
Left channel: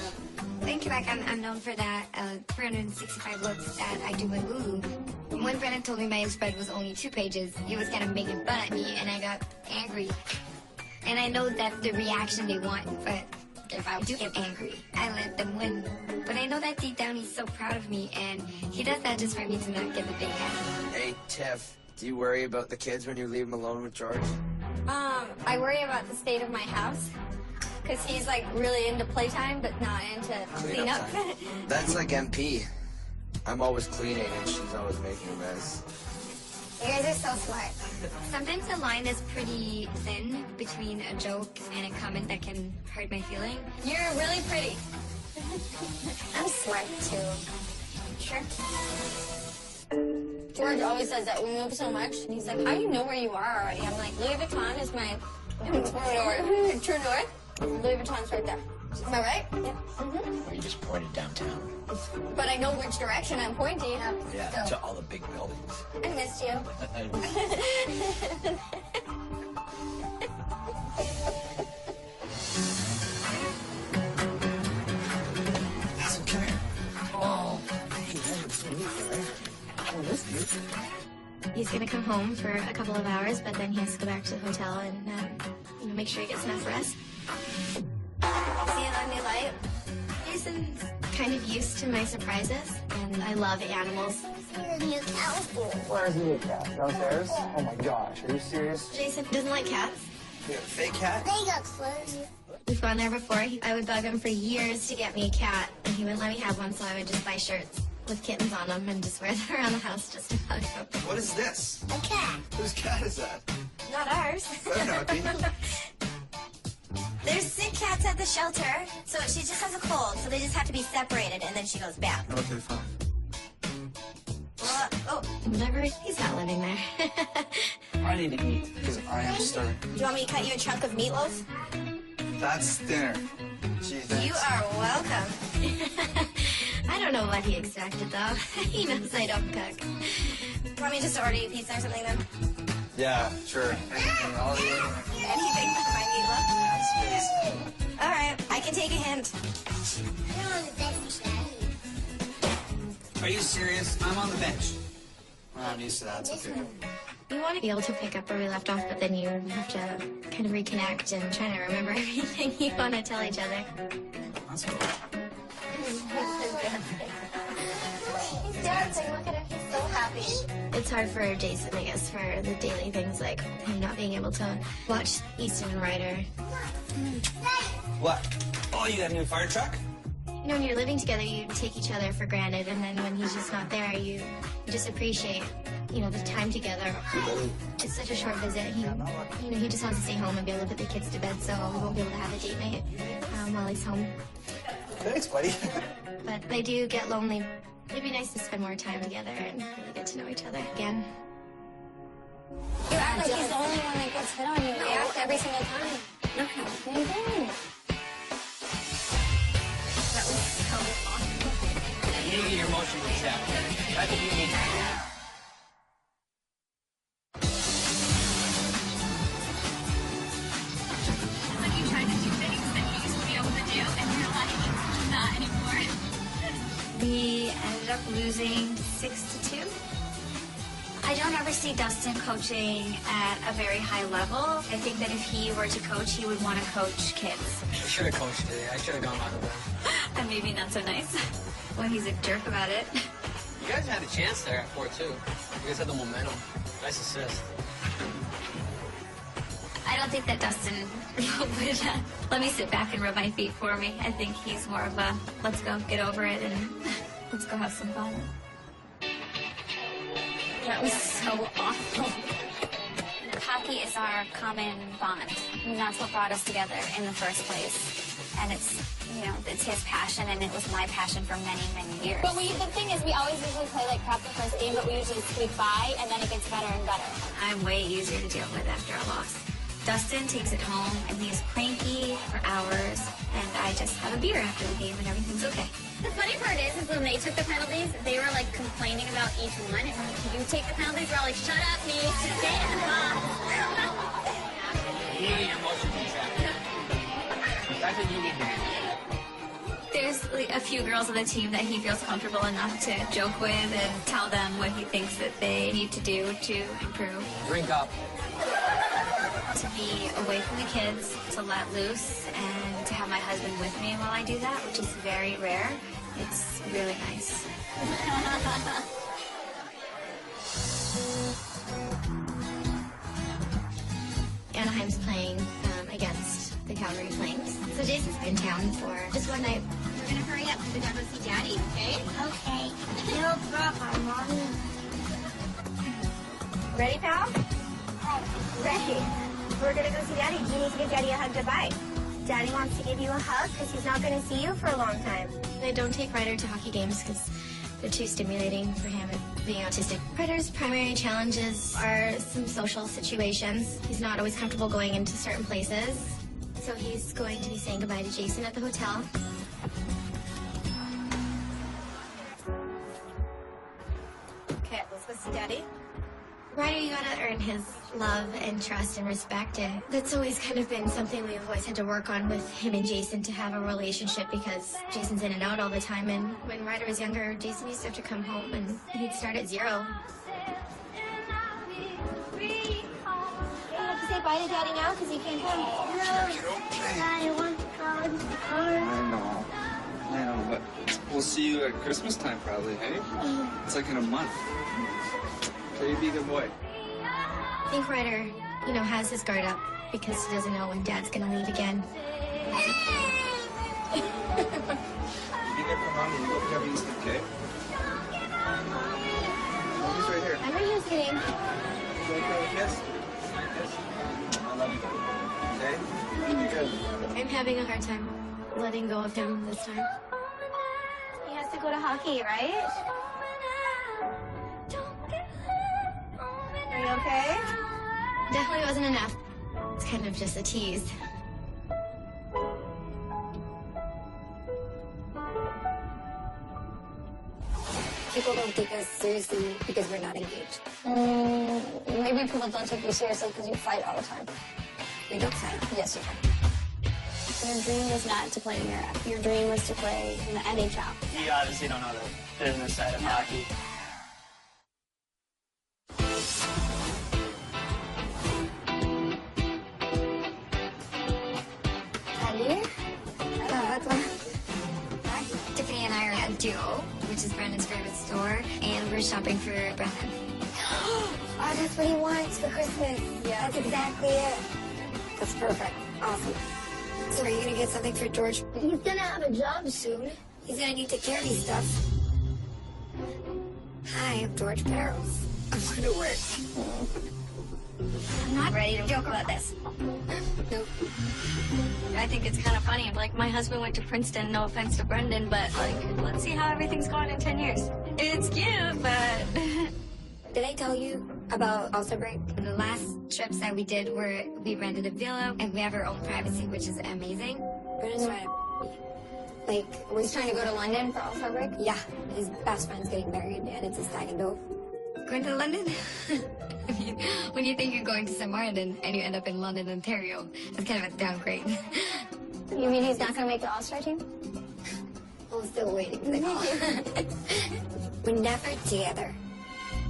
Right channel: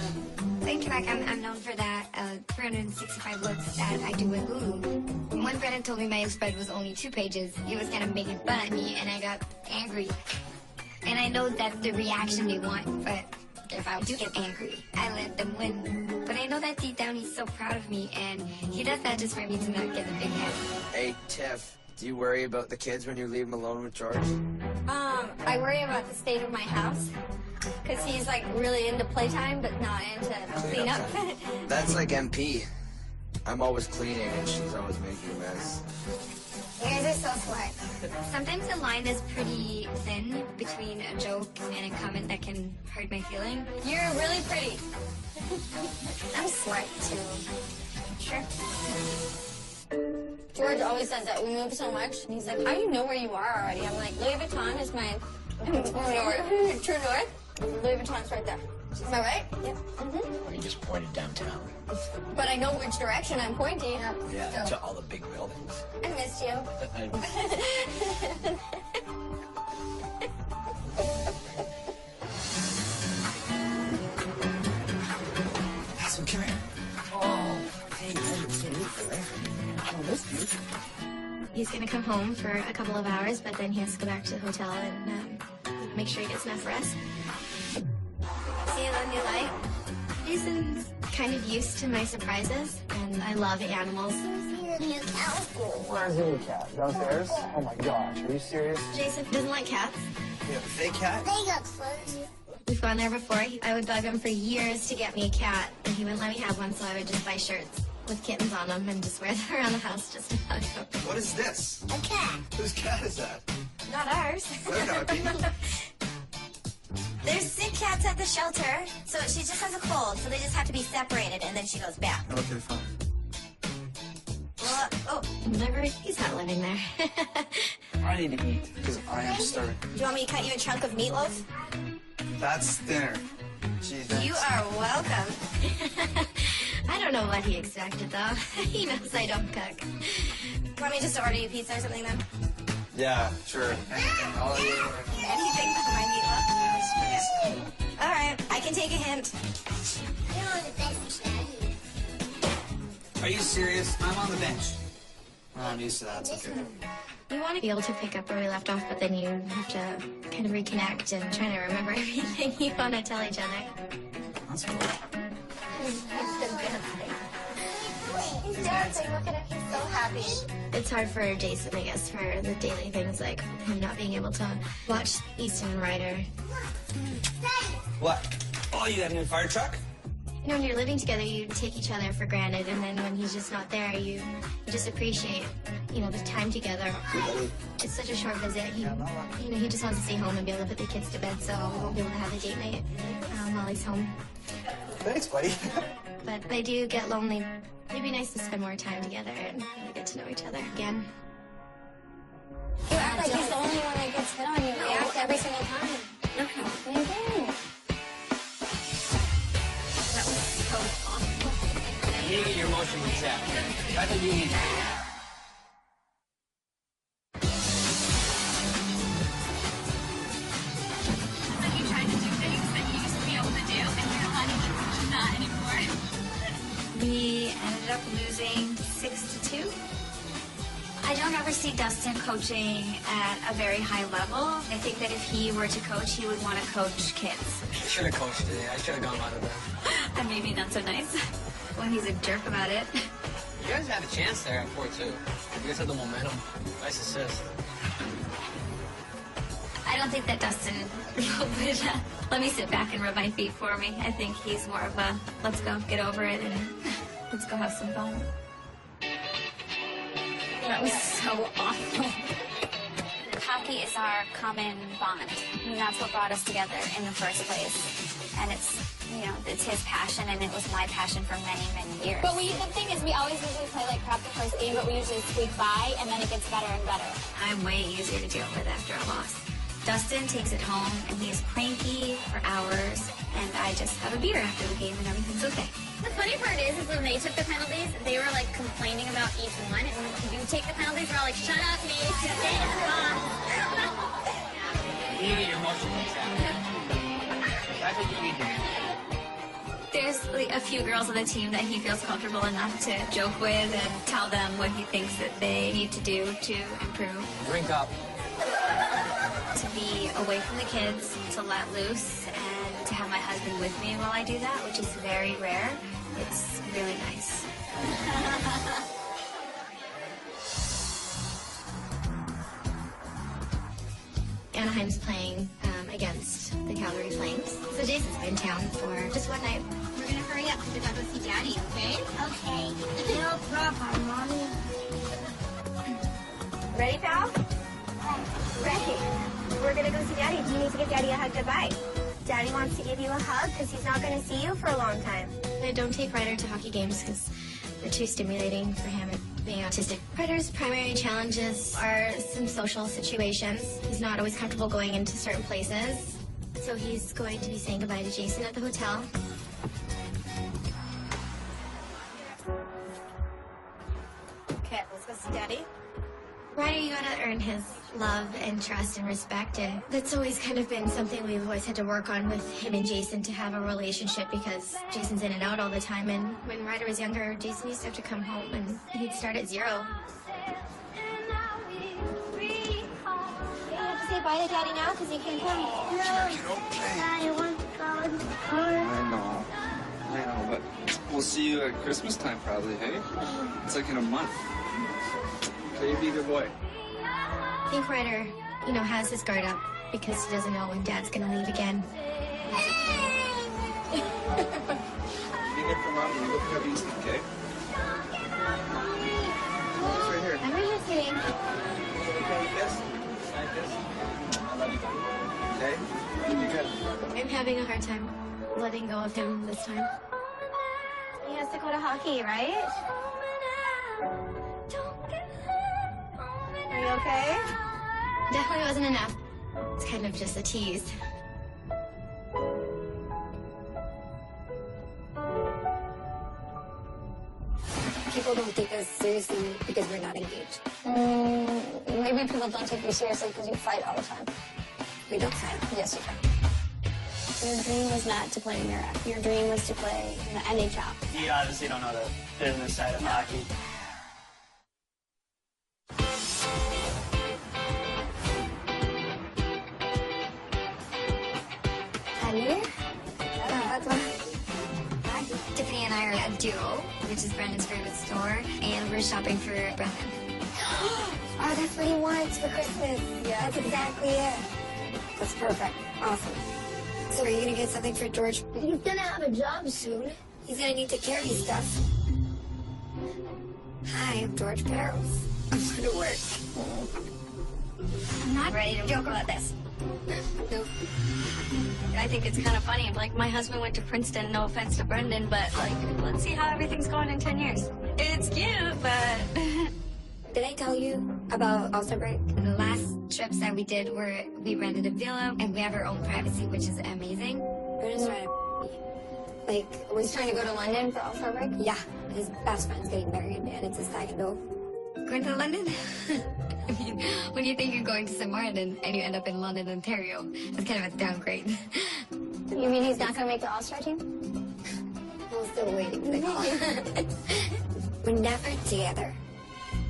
Thank you, like I'm known for that 365 looks that I do with Lulu. When Brennan told me my spread was only 2 pages, he was gonna make fun at me, and I got angry. And I know that's the reaction they want, but if I do get angry, I let them win. But I know that deep down he's so proud of me, and he does that just for me to not get the big head. Hey, Tiff, do you worry about the kids when you leave them alone with George? I worry about the state of my house, because he's like really into playtime, but not into cleanup. That's like MP. I'm always cleaning and she's always making a mess. You guys are so smart. Sometimes the line is pretty thin between a joke and a comment that can hurt my feeling. You're really pretty. I'm smart too. Sure. George always says that we move so much, and he's like, how do you know where you are already? I'm like, Louis Vuitton is my true north. Louis Vuitton's right there. Am I right? Yep. Mm-hmm. Or you just pointed downtown. But I know which direction I'm pointing. Yeah, to all the big buildings. I missed you. Madison, come here. Oh, hey, that's so neat, right? Oh, that's cute. He's gonna come home for a couple of hours, but then he has to go back to the hotel and make sure he gets enough rest. See a new light? Jason's kind of used to my surprises, and I love animals. Where is the new cat? Downstairs? Oh my gosh, are you serious? Jason doesn't like cats. You have a fake cat? We've gone there before. I would bug him for years to get me a cat, and he wouldn't let me have one, so I would just buy shirts with kittens on them and just wear them around the house just to hug them. What is this? A cat. Whose cat is that? Not ours. There's sick cats at the shelter, so she just has a cold, so they just have to be separated, and then she goes back. Okay, fine. Whatever. He's not living there. I need to eat because I am starving. Do you want me to cut you a chunk of meatloaf? That's dinner. Gee, You thanks. are welcome. I don't know what he expected, though. He knows I don't cook. Want me just to order you a pizza or something, then? Yeah, sure. Anything for my meatloaf? All right, I can take a hint. Are you serious? I'm on the bench. I'm used to that. It's okay. You want to be able to pick up where we left off, but then you have to kind of reconnect and try to remember everything you want to tell each other. That's cool. He's dancing. Look at him. He's so happy. It's hard for Jason, I guess, for the daily things like him not being able to watch Easton Rider. What? Oh, you got a new fire truck? You know, when you're living together, you take each other for granted, and then when he's just not there, you just appreciate, you know, the time together. It's such a short visit. He just wants to stay home and be able to put the kids to bed, so we won't be able to have a date night while he's home. Thanks, buddy. But I do get lonely. It'd be nice to spend more time together and get to know each other again. You act like he's the only one that gets hit on. You react every single time. No, you don't. You and your emotional chat. I think you need to. You try to do things that you used to be able to do, and you're not anymore. We ended up losing 6-2. I don't ever see Dustin coaching at a very high level. I think that if he were to coach, he would want to coach kids. I should have coached it. I should have gone out of that. And maybe not so nice when he's a jerk about it. You guys had a chance there at 4-2. You guys had the momentum. Nice assist. I I don't think that Dustin would let me sit back and rub my feet for me. I think he's more of a, let's go, get over it, and let's go have some fun. That was so awful. Hockey is our common bond, and that's what brought us together in the first place. And it's, you know, it's his passion, and it was my passion for many, many years. But the thing is, we always usually play like crap the first game, but we usually squeak by, and then it gets better and better. I'm way easier to deal with after a loss. Dustin takes it home, and he's cranky for hours, and I just have a beer after the game, and everything's okay. The funny part is when they took the penalties, they were like complaining about each one, and when you take the penalties, we're all like, shut up, me. There's like a few girls on the team that he feels comfortable enough to joke with and tell them what he thinks that they need to do to improve. Drink up. To be away from the kids, to let loose, and to have my husband with me while I do that, which is very rare. It's really nice. Anaheim's playing against the Calgary Flames. So Jason's in town for just one night. We're gonna hurry up because we gotta go see Daddy, okay? Okay. No problem, Mommy. Ready, pal? Ready. We're gonna go see Daddy. You need to give Daddy a hug goodbye. Daddy wants to give you a hug because he's not gonna see you for a long time. I don't take Ryder to hockey games because they're too stimulating for him being autistic. Ryder's primary challenges are some social situations. He's not always comfortable going into certain places. So he's going to be saying goodbye to Jason at the hotel. Okay, let's go see Daddy. Ryder, you gotta earn his love and trust and respect, and that's always kind of been something we've always had to work on with him and Jason to have a relationship because Jason's in and out all the time, and when Ryder was younger, Jason used to have to come home and he'd start at zero. Say bye to Daddy now because he can't come. Daddy wants to go in the car. I know, but we'll see you at Christmas time probably, hey? It's like in a month. Okay, be a good boy. I think Ryder, has his guard up because he doesn't know when Dad's gonna leave again. Be good for Mommy. You go pick up Easton, okay? It's right here. Remember you saying? Can we put with this? Like this? I love you, okay? You're good. I'm having a hard time letting go of him this time. He has to go to hockey, right? Are you okay? Definitely wasn't enough. It's kind of just a tease. People don't take us seriously because we're not engaged. Maybe people don't take you seriously because you fight all the time. We don't fight. Yes, you do. Your dream was not to play in Europe. Your dream was to play in the NHL. You obviously don't know the business side of hockey. Tiffany and I are at Duo, which is Brandon's favorite store, and we're shopping for Brandon. Oh, that's what he wants for Christmas. Yeah. That's exactly it. That's perfect. Awesome. So are you gonna get something for George? He's gonna have a job soon. He's gonna need to carry stuff. Hi, I'm George Barrows. I'm going to work. I'm not ready to joke about this. Nope. I think it's kind of funny. Like, my husband went to Princeton, no offense to Brendan, but, like, let's see how everything's going in 10 years. It's cute, but... Did I tell you about All-Star Break? The last trips that we did were, we rented a villa, and we have our own privacy, which is amazing. Brendan's trying to... Like, we're He's trying to go to London for All-Star Break? Yeah, his best friend's getting married, and it's his second dove. Going to London? I mean, when you think you're going to somewhere and you end up in London, Ontario, it's kind of a downgrade. You mean he's not going to make the All-Star team? I'm still waiting for the call. We're never together.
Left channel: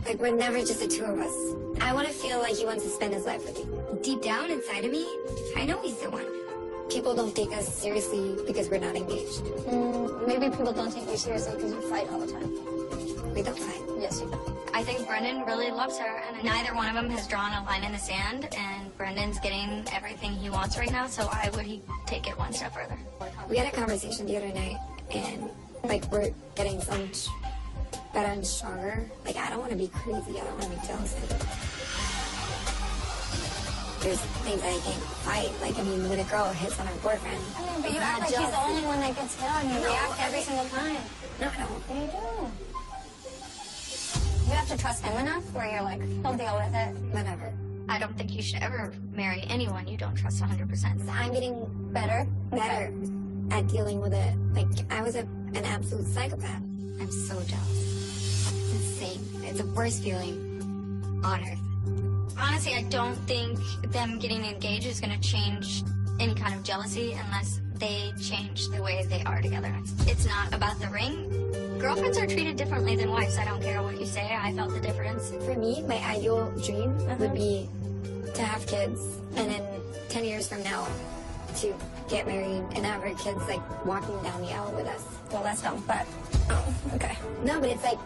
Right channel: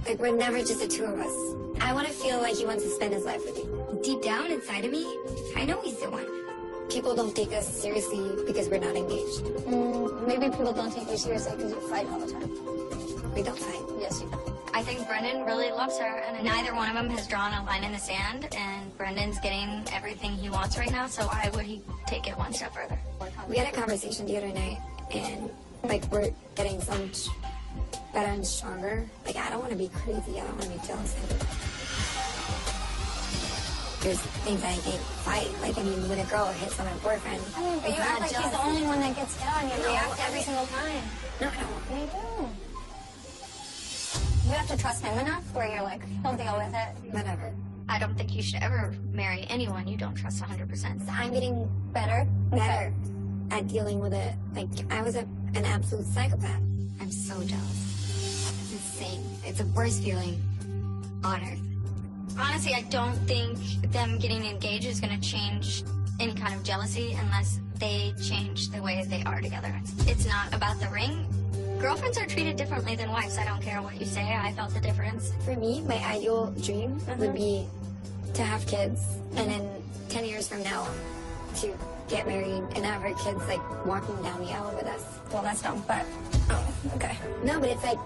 Like, we're never just the two of us. I want to feel like he wants to spend his life with me. Deep down inside of me, I know he's the one. People don't take us seriously because we're not engaged. Maybe people don't take you seriously because you fight all the time. We don't fight. Yes, you do. I think Brendan really loves her, and neither one of them has drawn a line in the sand, and Brendan's getting everything he wants right now, so why would he take it one step further? We had a conversation the other night, and, like, we're getting so much better and stronger. Like, I don't want to be crazy. I don't want to be jealous. There's things I can't fight. Like, I mean, when a girl hits on her boyfriend. But you act like he's the only one that gets hit on. You react every single time. No, I don't. You do. You have to trust him enough where you're like, he'll deal with it. Whatever. I don't think you should ever marry anyone you don't trust 100%. I'm getting better. At dealing with it. Like, I was an absolute psychopath. I'm so jealous. It's insane. It's the worst feeling on earth. Honestly, I don't think them getting engaged is going to change any kind of jealousy unless they change the way they are together. It's not about the ring. Girlfriends are treated differently than wives. I don't care what you say. I felt the difference. For me, my ideal dream would be to have kids, and then 10 years from now, to get married and have our kids, like, walking down the aisle with us. Well, that's dumb, but, oh, okay. No, but it's like,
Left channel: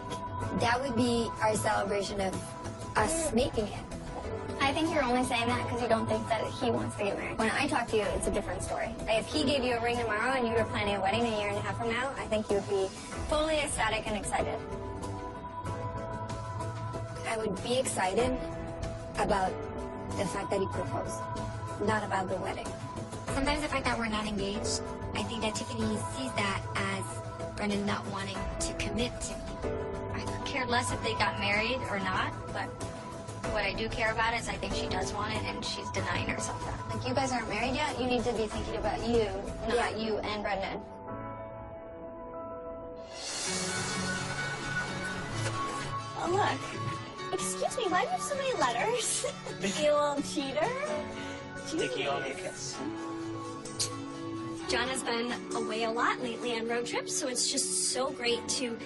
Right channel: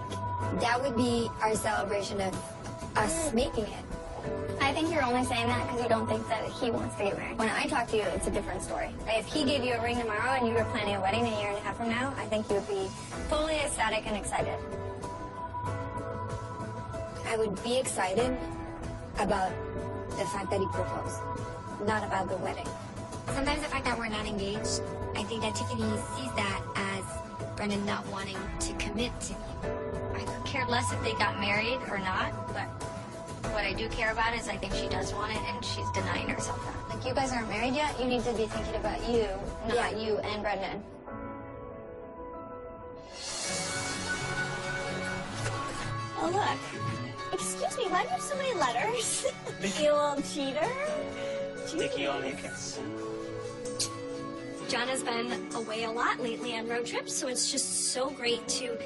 that would be our celebration of us making it. I think you're only saying that because you don't think that he wants to get married. When I talk to you, it's a different story. If he gave you a ring tomorrow and you were planning a wedding a year and a half from now, I think you would be totally ecstatic and excited. I would be excited about the fact that he proposed, not about the wedding. Sometimes the fact that we're not engaged, I think that Tiffany sees that as Brendan not wanting to commit to me. I could care less if they got married or not, but what I do care about is I think she does want it, and she's denying herself that. Like, you guys aren't married yet. You need to be thinking about you, not you and Brendan. Oh, look. Excuse me, why do you have so many letters? You old cheater. Sticky only kiss. John has been away a lot lately on road trips, so it's just so great to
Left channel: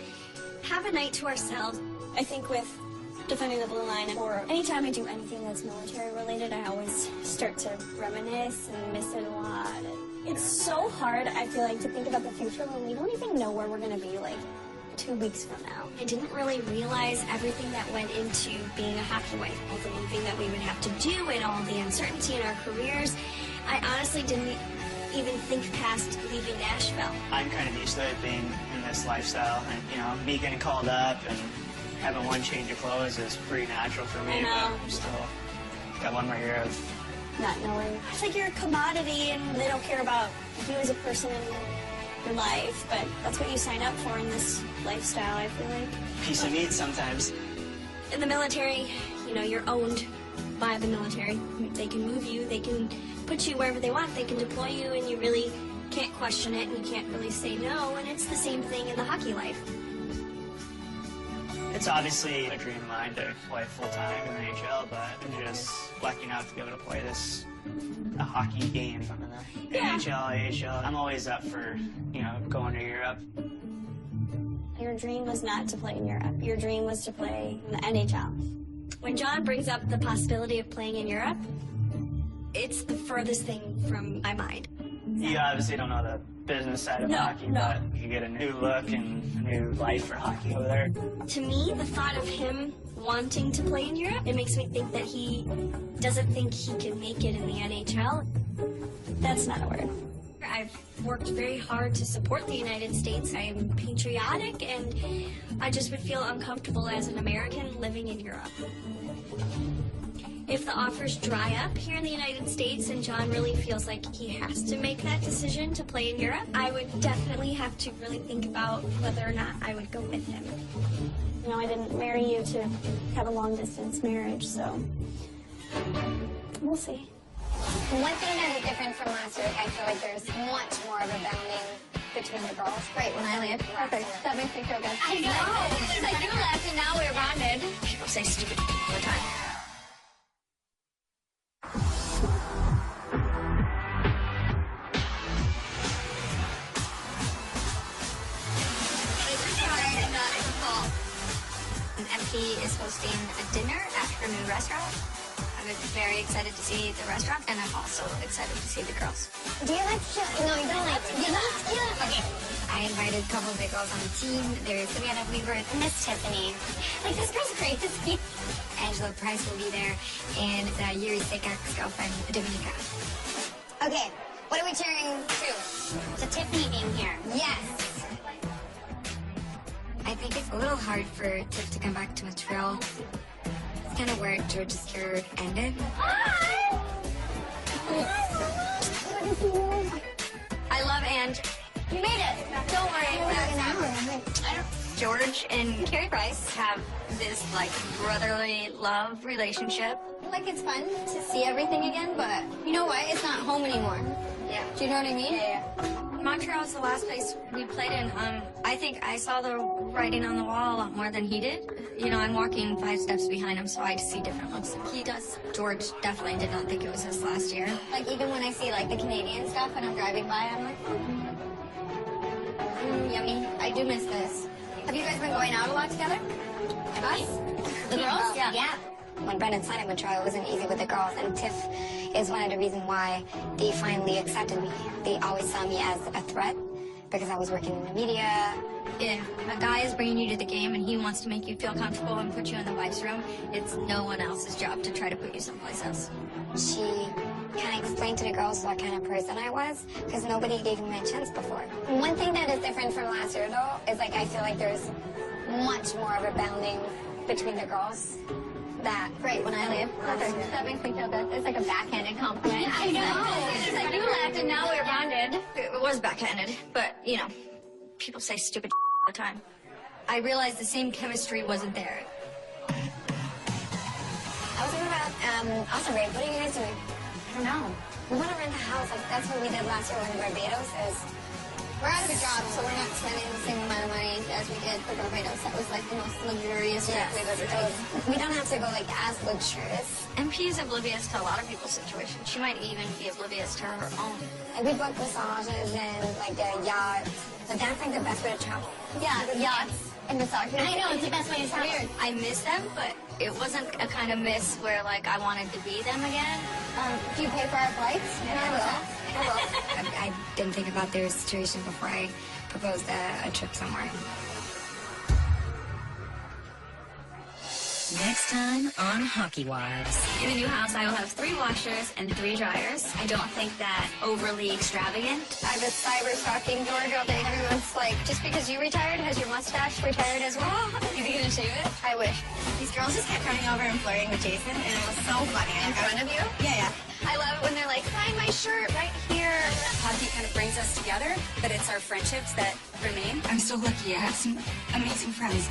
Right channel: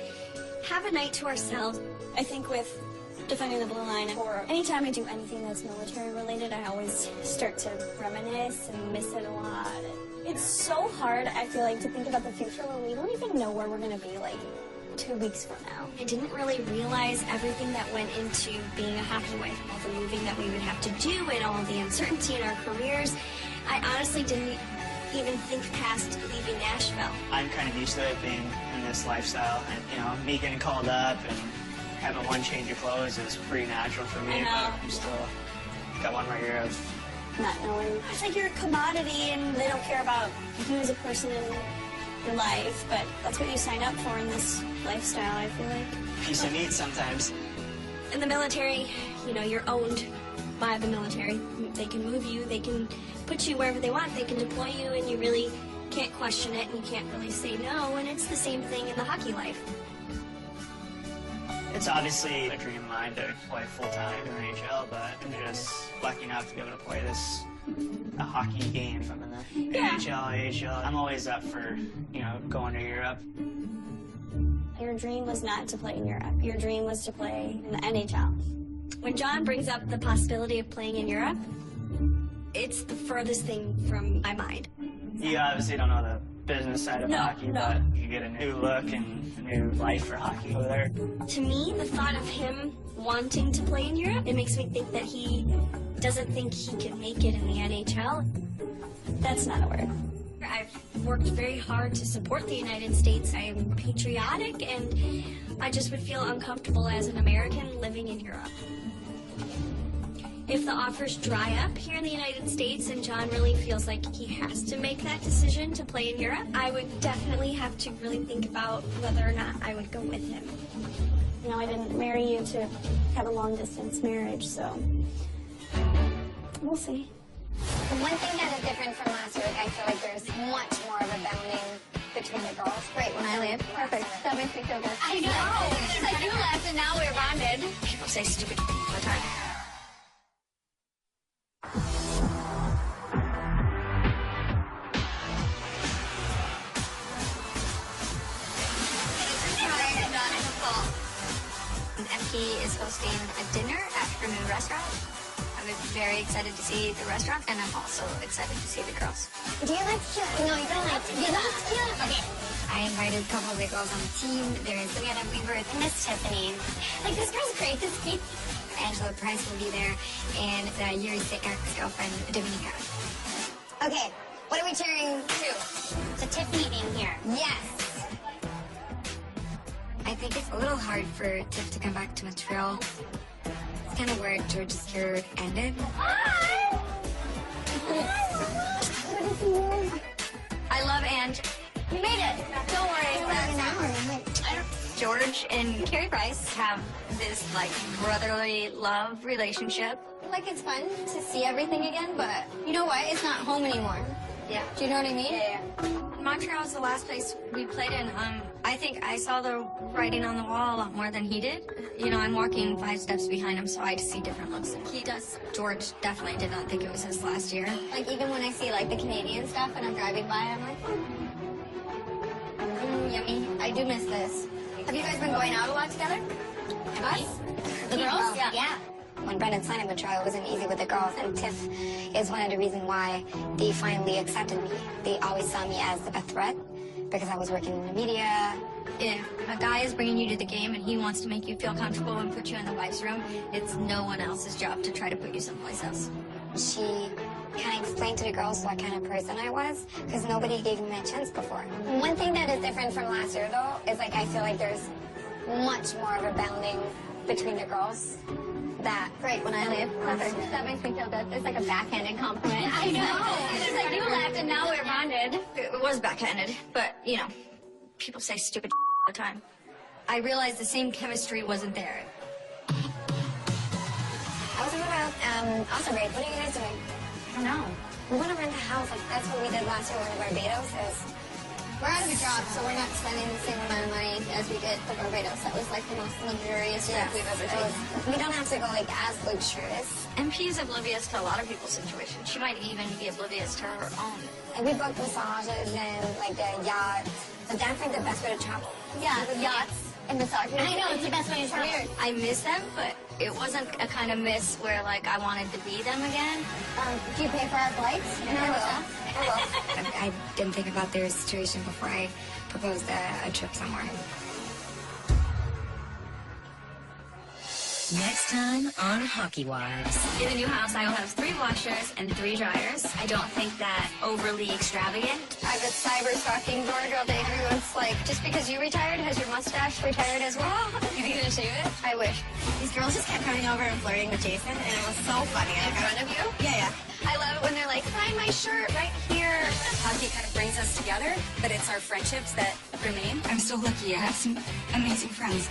have a night to ourselves. I think with Defending the Blue Line, or anytime I do anything that's military related, I always start to reminisce and miss it a lot. It's so hard, I feel like, to think about the future when we don't even know where we're going to be, like, 2 weeks from now. I didn't really realize everything that went into being a hockey wife, all the moving that we would have to do and all the uncertainty in our careers. I honestly didn't even think past leaving Nashville. I'm kind of used to it being in this lifestyle, and, you know, me getting called up and having one change of clothes is pretty natural for me, but I'm still got one right here of not knowing. It's like you're a commodity and they don't care about you as a person in life, but that's what you sign up for in this lifestyle, I feel like. piece of meat sometimes. In the military, you know, you're owned by the military. They can move you, they can put you wherever they want, they can deploy you, and you really can't question it, and you can't really say no, and it's the same thing in the hockey life. It's obviously a dream of mine to play full-time in the NHL, but I'm just lucky enough to be able to play a hockey game in the NHL, AHL. I'm always up for, you know, going to Europe. Your dream was not to play in Europe. Your dream was to play in the NHL. When John brings up the possibility of playing in Europe, it's the furthest thing from my mind. You obviously don't know the business side of hockey, but you get a new look and a new life for hockey over there. To me, the thought of him wanting to play in Europe, it makes me think that he doesn't think he can make it in the NHL. That's not a word. I've worked very hard to support the United States. I am patriotic, and I just would feel uncomfortable as an American living in Europe. If the offers dry up here in the United States and John really feels like he has to make that decision to play in Europe, I would definitely have to really think about whether or not I would go with him. You know, I didn't marry you to have a long-distance marriage, so we'll see. One thing that is different from last week, I feel like there's much more of a bonding between the girls. Great, when I left. Perfect. That makes me feel good. I know. It's like you left and now we're bonded. People say stupid all the time. And FP is hosting a dinner at her new restaurant. I'm very excited to see the restaurant, and I'm also excited to see the girls. Do you like tequila? No, you don't like tequila. Okay. I invited a couple of the girls on the team. There's Savannah Weaver. Miss Tiffany. Like, this girl's great. Angela Price will be there, and Yuri's sick ex-girlfriend, Dominica. Okay, what are we cheering to? It's a Tiffany game here. Yes! I think it's a little hard for Tiff to come back to Montreal. It's kind of where George's career ended. I love Ange. You made it. Don't worry. George and Carrie Price have this like brotherly love relationship. Like, it's fun to see everything again, but you know what? It's not home anymore. Yeah. Do you know what I mean? Yeah. Montreal was the last place we played in. I think I saw the writing on the wall a lot more than he did. You know, I'm walking 5 steps behind him, so I see different looks. He does. George definitely did not think it was his last year. Like, even when I see, like, the Canadian stuff and I'm driving by, I'm like, yummy. I do miss this. Have you guys been going out a lot together? Us? The girls? Yeah. When Brendan signed in Montreal, it wasn't easy with the girls, and Tiff is one of the reasons why they finally accepted me. They always saw me as a threat because I was working in the media. If a guy is bringing you to the game and he wants to make you feel comfortable and put you in the wife's room, it's no one else's job to try to put you someplace else. She kind of explained to the girls what kind of person I was because nobody gave me a chance before. One thing that is different from last year, though, is like I feel like there's much more of a bonding between the girls. That Great when I leave. that makes me feel good. It's like a backhanded compliment. I know. It's like you left and now we're bonded. It was backhanded, but you know, people say stupid all the time. I realized the same chemistry wasn't there. I was thinking about awesome break. What are you guys doing? I don't know. We want to rent a house. Like that's what we did last year when Barbados. We're on the job, so we're not spending the same amount of money as we did for Barbados. That was like the most luxurious trip we've ever taken. We don't have to go like as luxurious. MP is oblivious to a lot of people's situations. She might even be oblivious to her own. Like we booked massages and like a yacht. But that's like the best way to travel. Yeah, yachts. And massages. I know, it's the best way to travel. I miss them, but it wasn't a kind of miss where like I wanted to be them again. Do you pay for our flights? I will. I didn't think about their situation before I proposed a trip somewhere. Next time on Hockey Wives. In the new house, I will have 3 washers and 3 dryers. I don't think that overly extravagant. I've been cyber stalking George all day. Everyone's like, just because you retired, has your mustache retired as well? You didn't shave it? I wish. These girls just kept coming over and flirting with Jason, and it was so funny. In front of you? Yeah. I love it when they're like, find my shirt right here. Hockey kind of brings us together, but it's our friendships that remain. I'm so lucky I have some amazing friends.